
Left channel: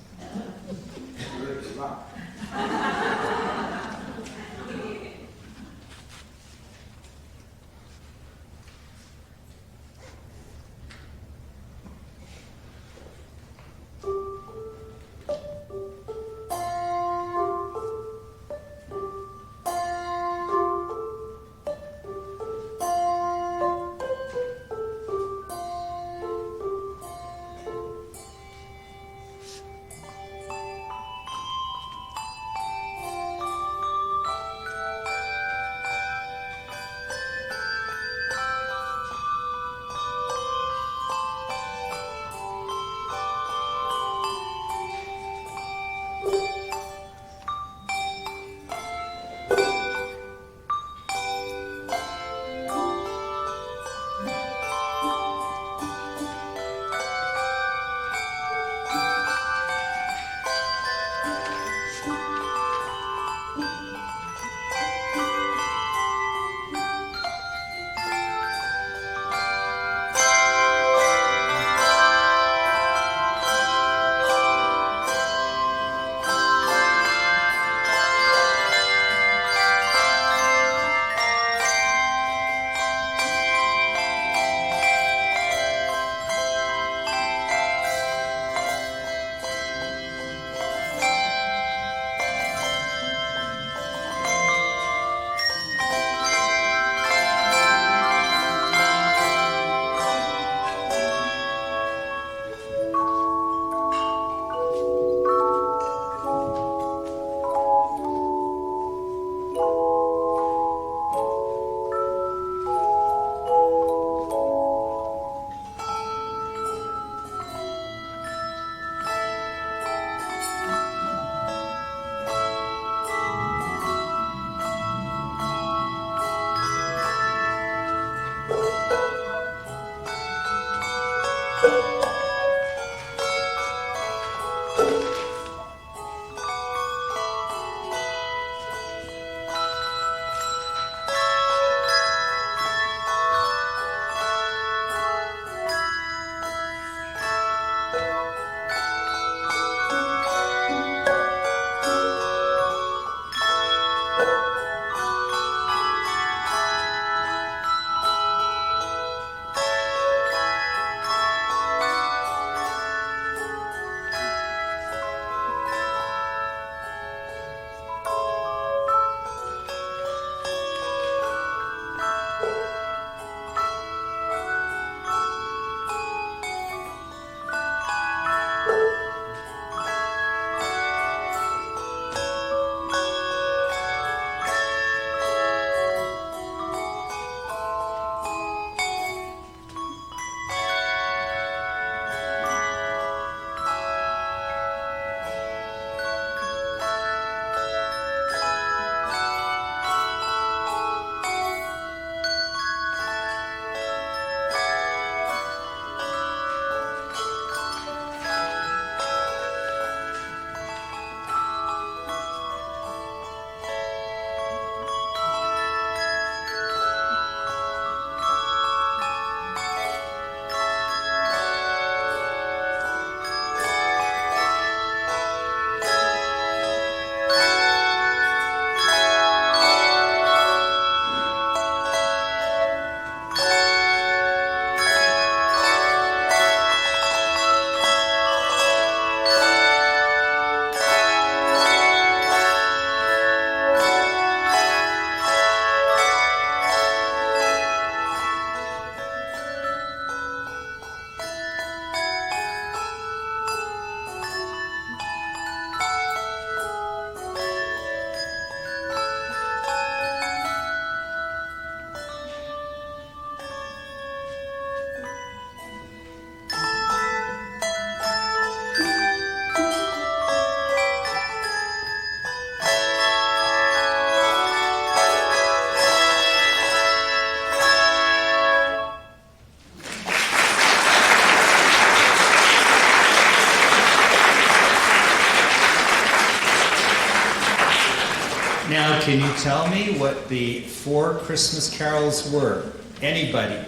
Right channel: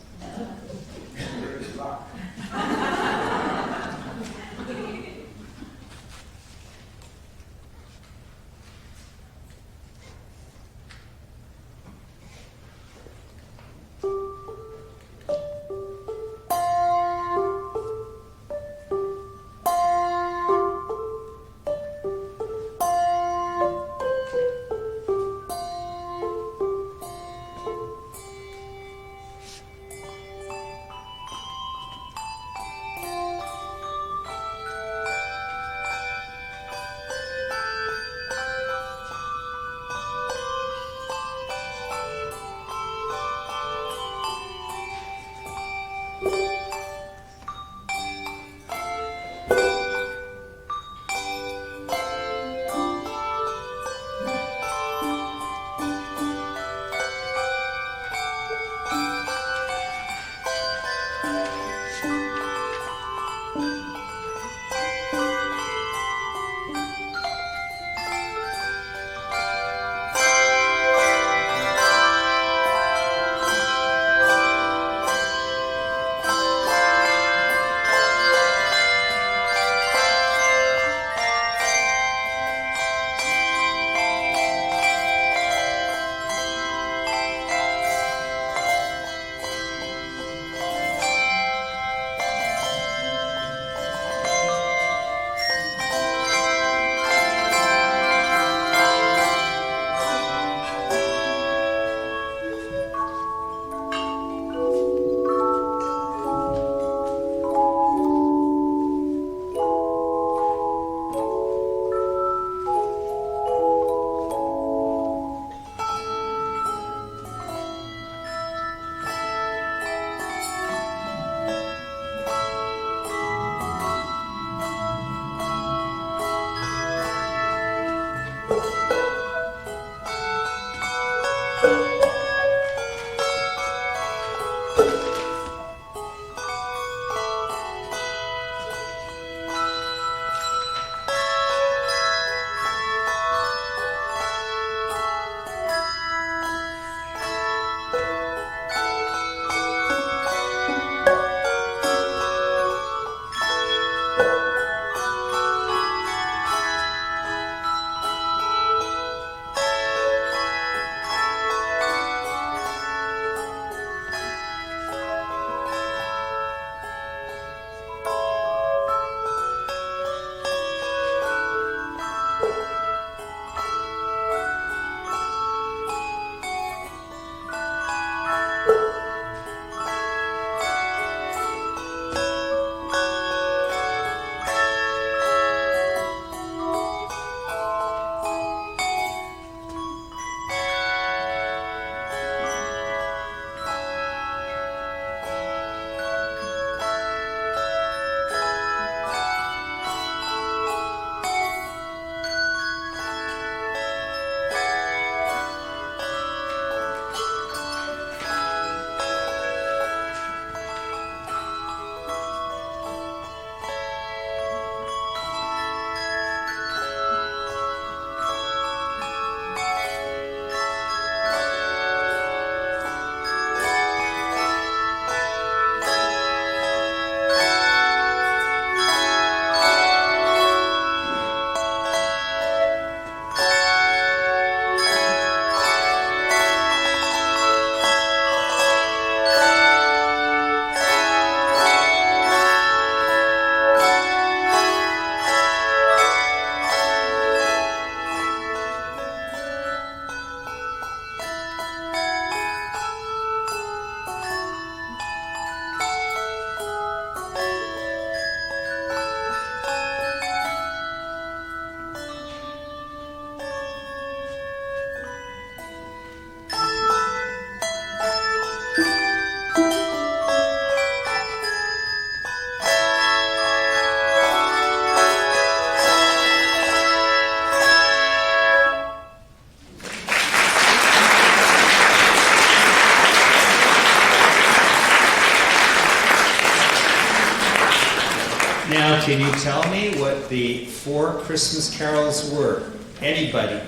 Now, can you tell me what the 4 Christmas carols were? Anybody?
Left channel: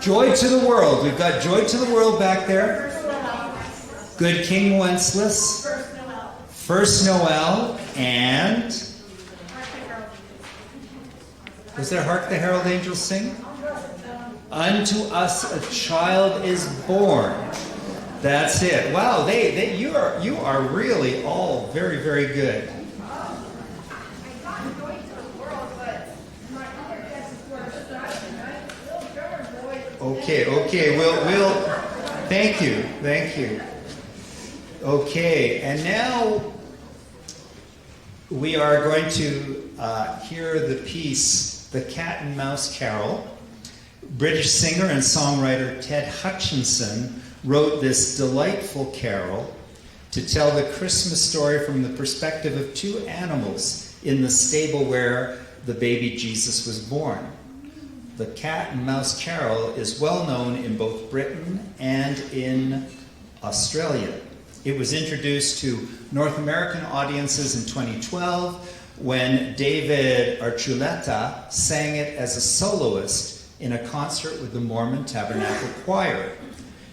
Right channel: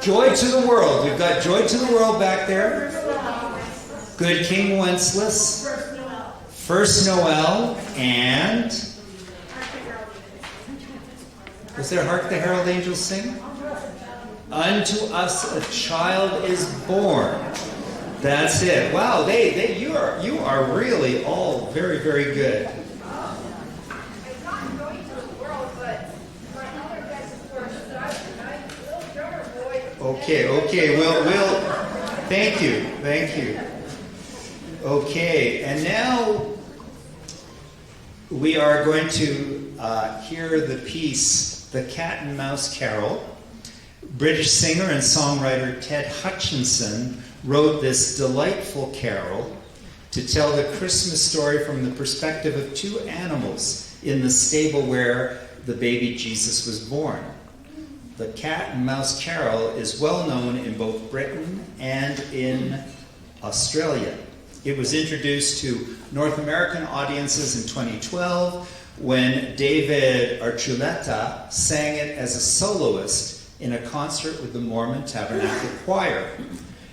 Joy to the World. We've got Joy to the World back there. Good King Wenceslas. First Noel. And was there Hark the Herald Angels Sing? Unto us a child is born. That's it. Wow, you are really all very, very good. Okay. We'll. Thank you. Okay, and now we are going to hear the piece, "The Cat and Mouse Carol." British singer and songwriter Ted Hutchinson wrote this delightful carol to tell the Christmas story from the perspective of 2 animals in the stable where the baby Jesus was born. The Cat and Mouse Carol is well known in both Britain and in Australia. It was introduced to North American audiences in 2012 when David Archuleta sang it as a soloist in a concert with the Mormon Tabernacle Choir.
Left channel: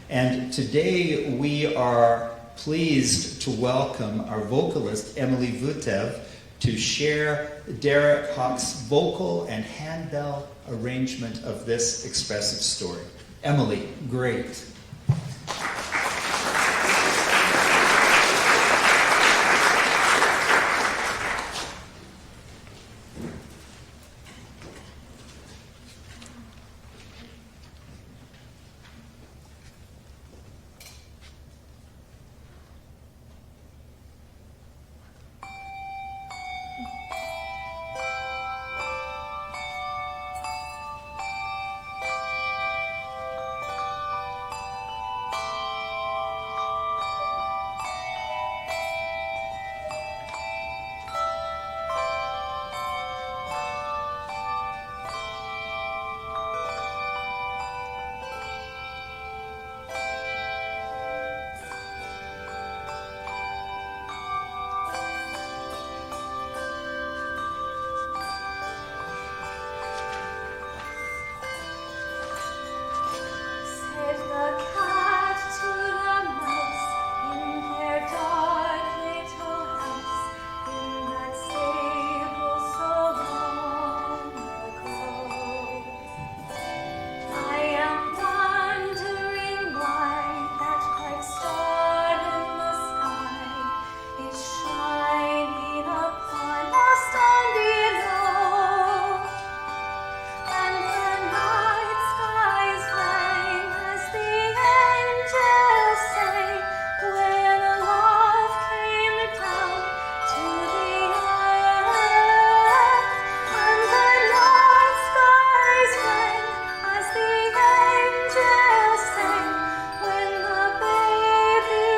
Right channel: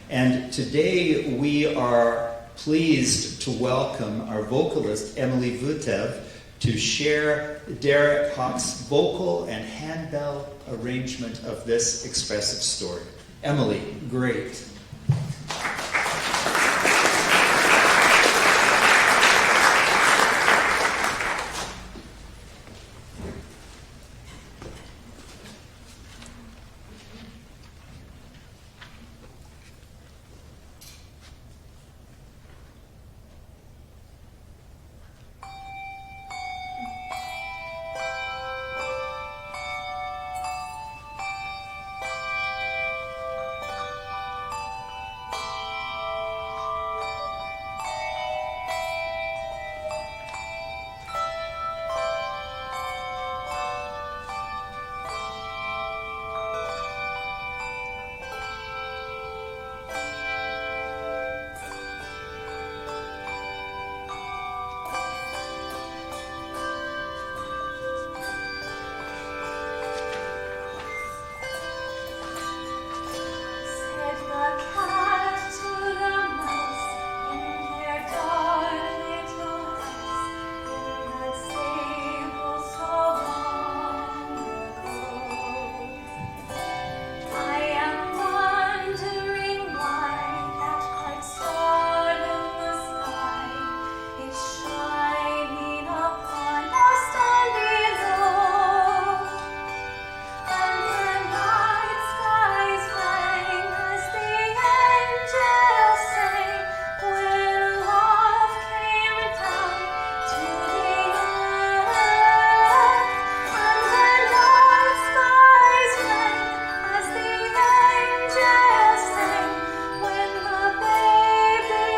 And today we are pleased to welcome our vocalist, Emily Vutev, to share Derek Hawk's vocal and handbell arrangement of this expressive story. Emily, great. The cat to the mouse in their dark little house in that stable so long ago. I am wondering why that bright star in the sky is shining upon us down below, and the night skies rang as the angels sang when love came down to the earth. And the night skies rang as the angels sang when the baby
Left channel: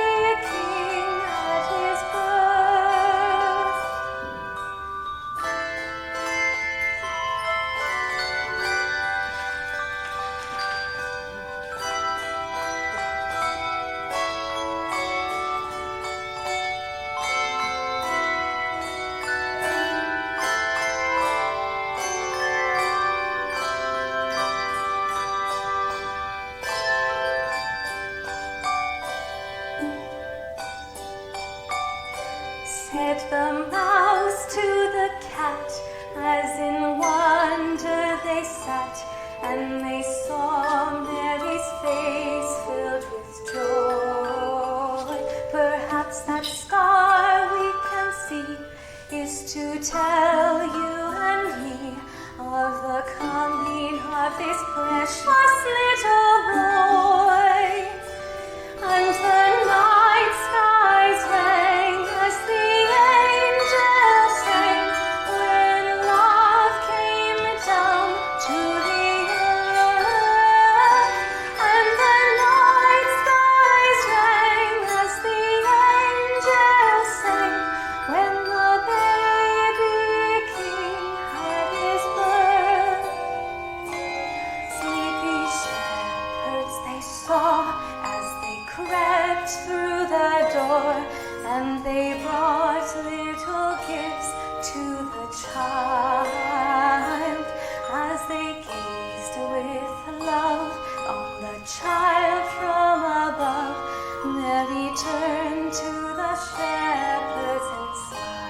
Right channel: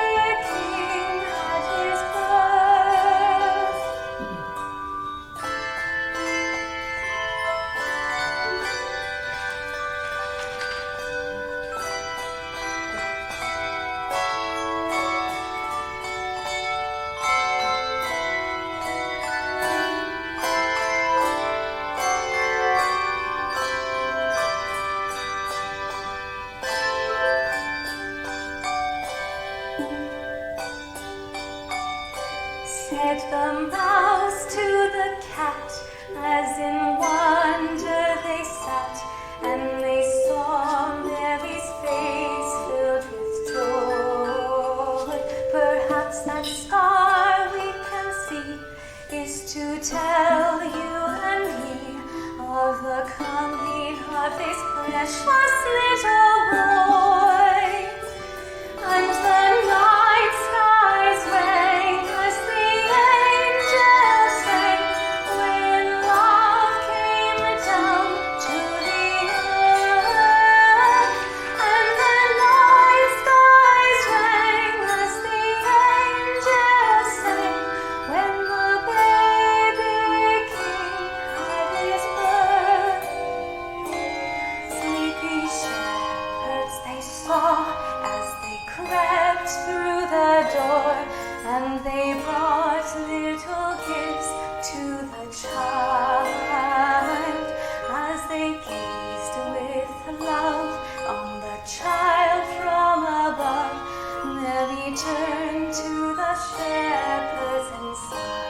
king had his birth. Said the mouse to the cat, as in wonder they sat, and they saw Mary's face filled with joy. Perhaps that star we can see is to tell you and me of the coming of this precious little boy. And the night skies rang as the angels sang when love came down to the earth. And the night skies rang as the angels sang when the baby king had his birth. Sleepy shepherds they saw as they crept through the door, and they brought little gifts to the child. As they gazed with love on the child from above, Mary turned to the shepherds and smiled.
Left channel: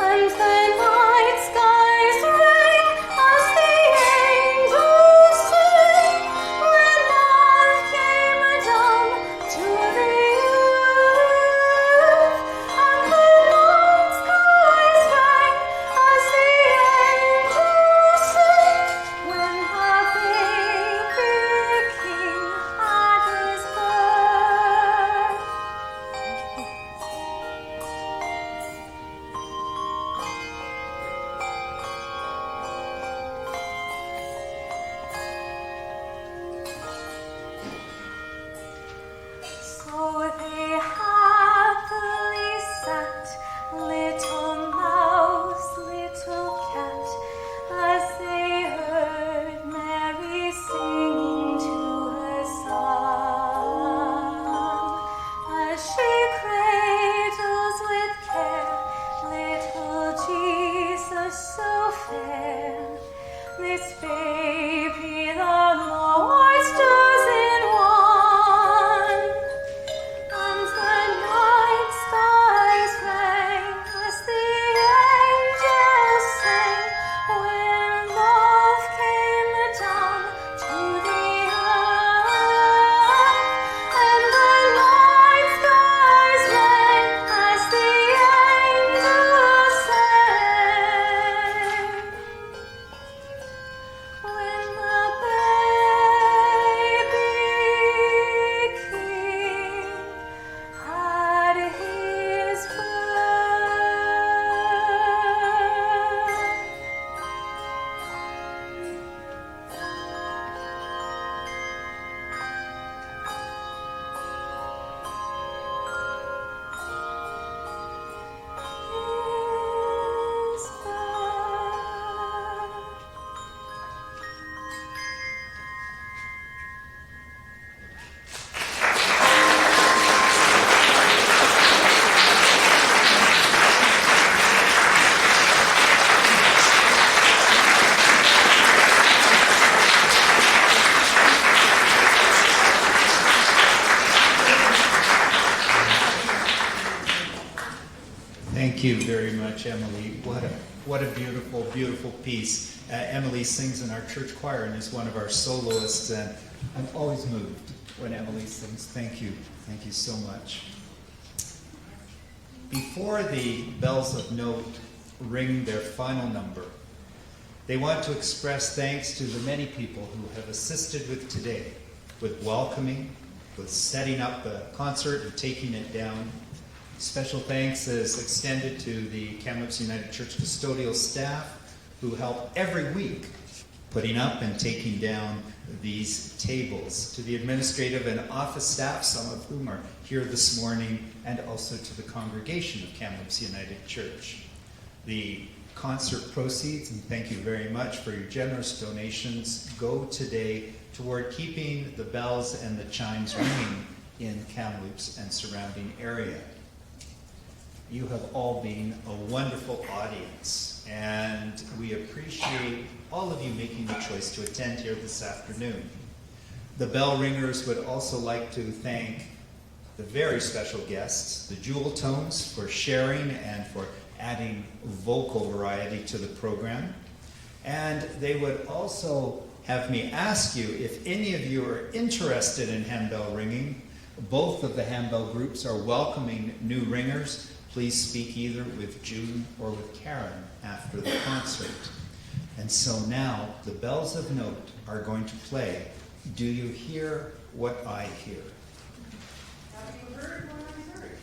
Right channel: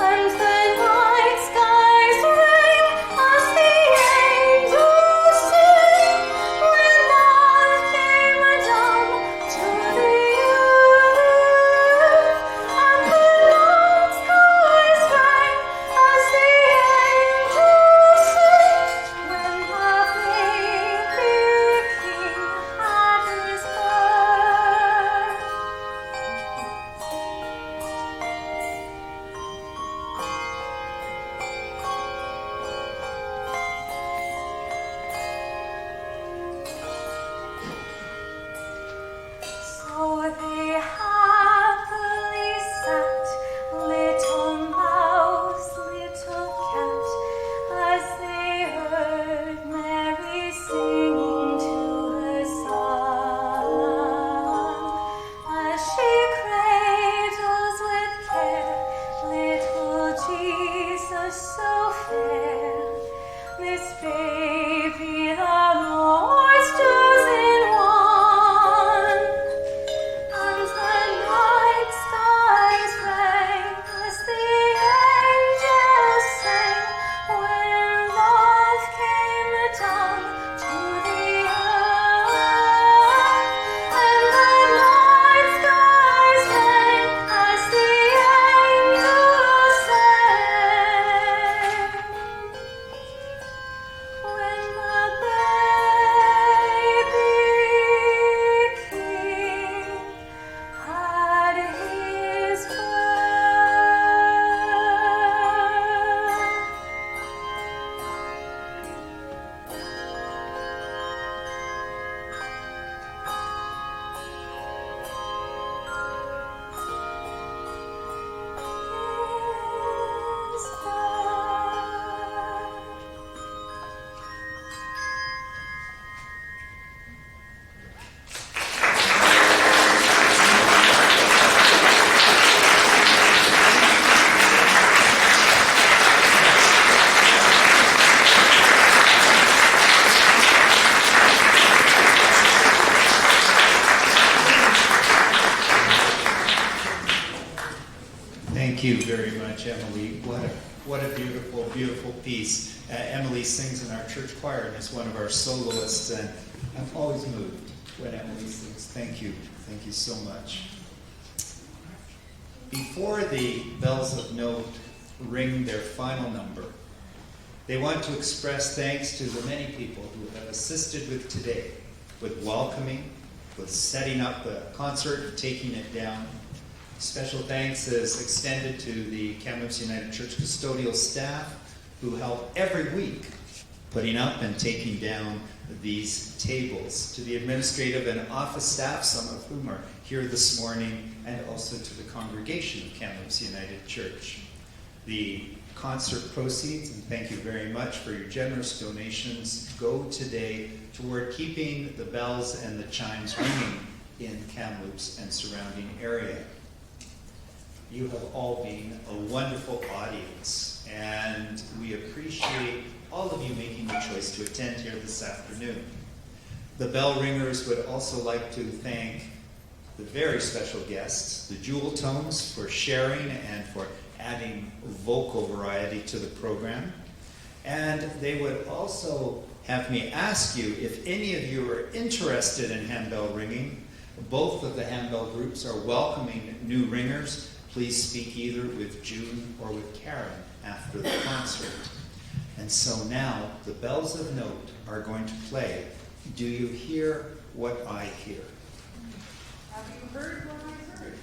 And the night skies rang as the angels sang, when love came down to the earth. And the night skies rang as the angels sang, when the baby king had his birth. So they happily sat, little mouse, little cat, as they heard Mary singing to her son. As she cradles with care little Jesus so fair, this baby the Lord's chosen one. And the night skies rang as the angels sang, when love came down to the earth. And the night skies rang as the angels sang, when the baby king had his birth. His birth. Thank you very much, Emily. What a beautiful, beautiful piece. Emily sings in our church choir and is one of our soloists, and I'm always moved when Emily sings. Thank you. Thank you so much. Before the bells of Note ring their final number, they want to express thanks to the many people who have assisted with today, with welcoming, with setting up the concert and taking it down. Special thanks is extended to the Kamloops United Church custodial staff who help every week putting up and taking down these tables, to the administrative and office staff, some of whom are here this morning, and also to the congregation of Kamloops United Church. The concert proceeds, and thank you very much for your generous donations, go today toward keeping the bells and the chimes ringing in Kamloops and surrounding area. You have all been a wonderful audience, and we appreciate all of you making the choice to attend here this afternoon. The bell ringers would also like to thank the very special guests, the Jeweltones, for sharing and for adding vocal variety to the program. And they would also have me ask you if any of you are interested in handbell ringing. Both of the handbell groups are welcoming new ringers. Please speak either with June or with Karen after the concert. And so now the bells of Note are going to play Do You Hear What I Hear? Have you heard what I heard?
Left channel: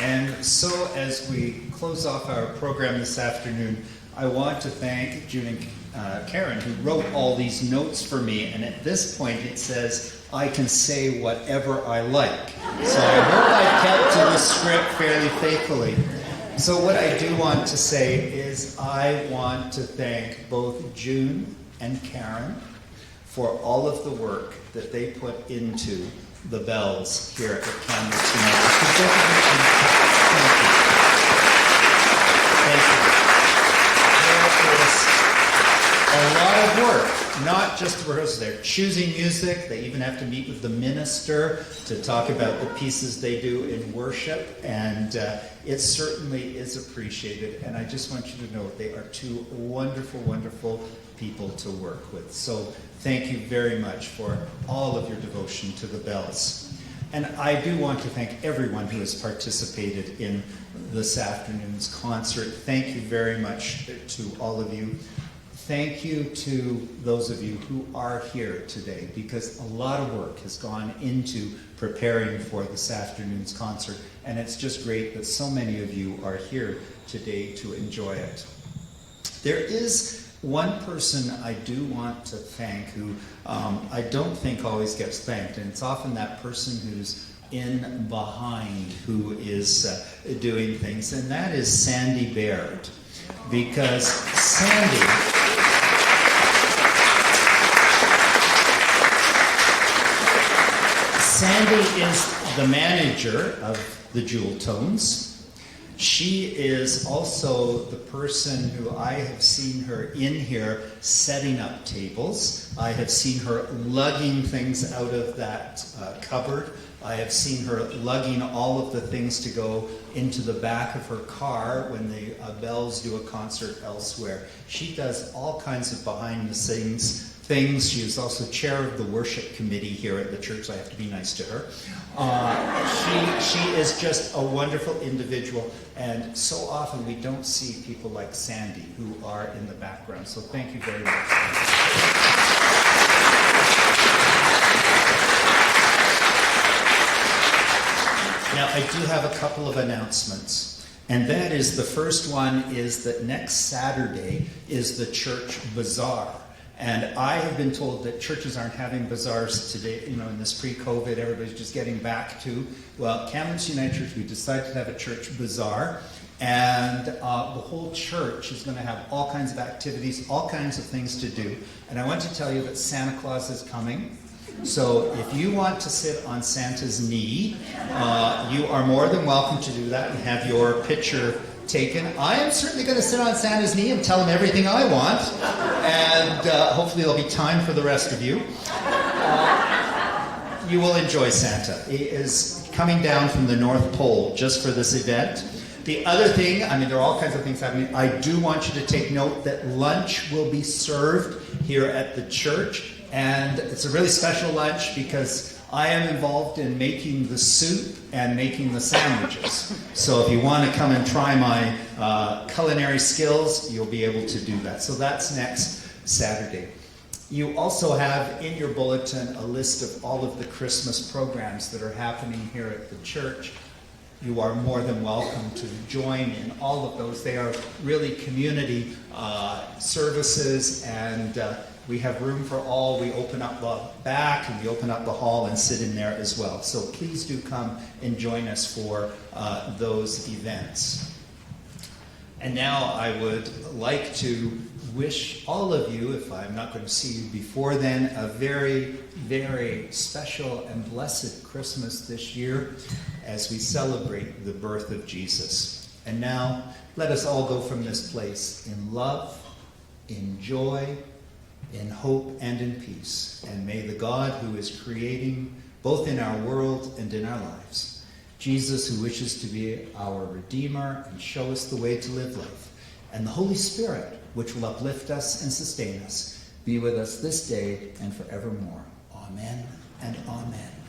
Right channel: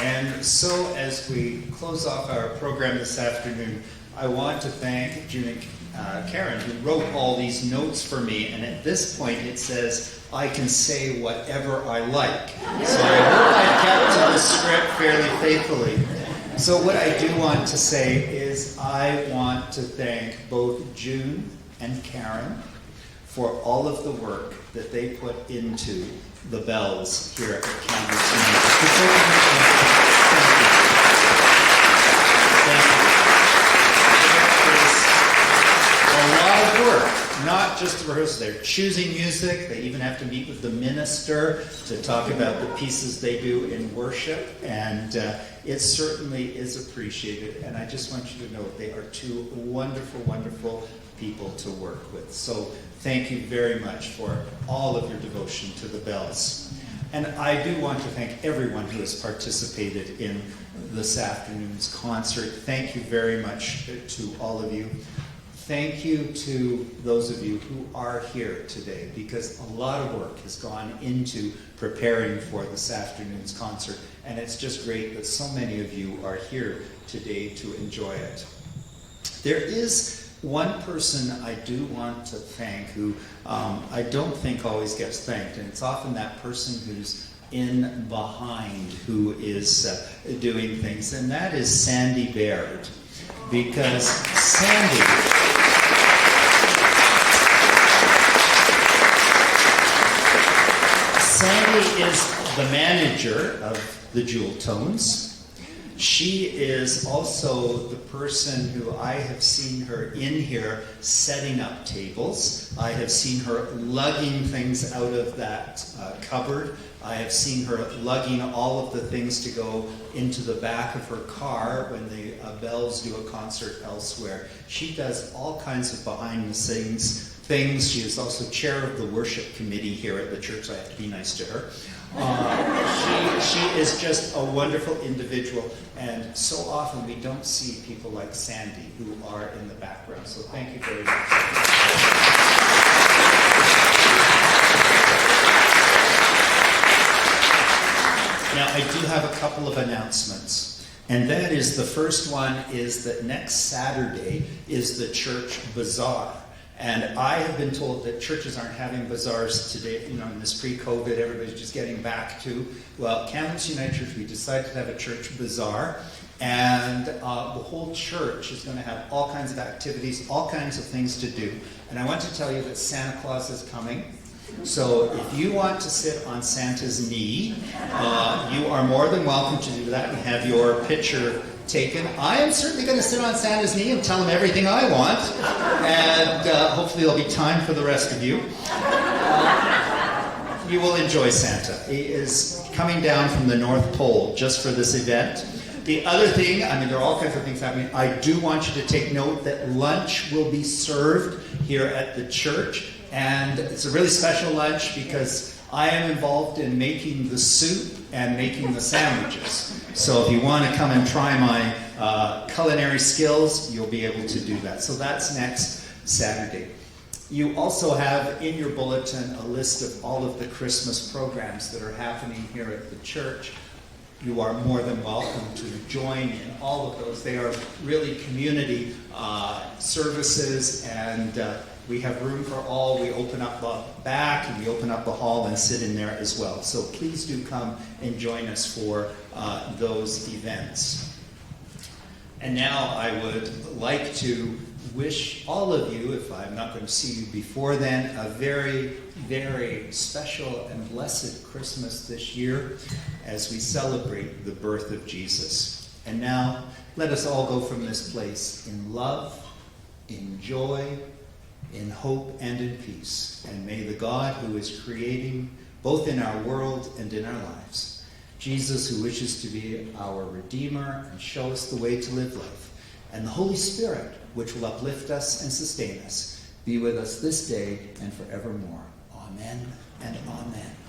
And so as we close off our program this afternoon, I want to thank June and Karen, who wrote all these notes for me. And at this point it says, I can say whatever I like. So I hope I've kept to the script fairly faithfully. So what I do want to say is I want to thank both June and Karen for all of the work that they put into the bells here at Kamloops United. Could both of you thank you. Thank you. There is a lot of work, not just the rehearsals. They're choosing music. They even have to meet with the minister to talk about the pieces they do in worship, and it certainly is appreciated. And I just want you to know they are two wonderful, wonderful people to work with. So thank you very much for all of your devotion to the bells. And I do want to thank everyone who has participated in this afternoon's concert. Thank you very much to all of you. Thank you to those of you who are here today, because a lot of work has gone into preparing for this afternoon's concert, and it's just great that so many of you are here today to enjoy it. There is one person I do want to thank who I don't think always gets thanked, and it's often that person who's in behind who is doing things, and that is Sandy Baird. Because Sandy is the manager of the Jeweltones. She is also the person who I have seen her in here setting up tables. I have seen her lugging things out of that cupboard. I have seen her lugging all of the things to go into the back of her car when the Bells do a concert elsewhere. She does all kinds of behind-the-scenes things. She is also chair of the worship committee here at the church. I have to be nice to her. She is just a wonderful individual, and so often we don't see people like Sandy who are in the background. So thank you very much. Now, I do have a couple of announcements, and that is, the first one is that next Saturday is the church bazaar. And I have been told that churches aren't having bazaars today, in this pre-COVID, everybody's just getting back to. Well, Kamloops United Church, we decided to have a church bazaar, and the whole church is going to have all kinds of activities, all kinds of things to do. And I want to tell you that Santa Claus is coming. So if you want to sit on Santa's knee, you are more than welcome to do that and have your picture taken. I am certainly going to sit on Santa's knee and tell him everything I want, and hopefully there'll be time for the rest of you. You will enjoy Santa. He is coming down from the North Pole just for this event. The other thing, there are all kinds of things happening. I do want you to take note that lunch will be served here at the church, and it's a really special lunch because I am involved in making the soup and making the sandwiches. So if you want to come and try my culinary skills, you'll be able to do that. So that's next Saturday. You also have in your bulletin a list of all of the Christmas programs that are happening here at the church. You are more than welcome to join in all of those. They are really community services, and we have room for all. We open up the back and we open up the hall and sit in there as well. So please do come and join us for those events. And now I would like to wish all of you, if I'm not going to see you before then, a very, very special and blessed Christmas this year as we celebrate the birth of Jesus. And now, let us all go from this place in love, in joy, in hope, and in peace. And may the God who is creating both in our world and in our lives, Jesus who wishes to be our Redeemer and show us the way to live life, and the Holy Spirit, which will uplift us and sustain us, be with us this day and forevermore. Amen and amen.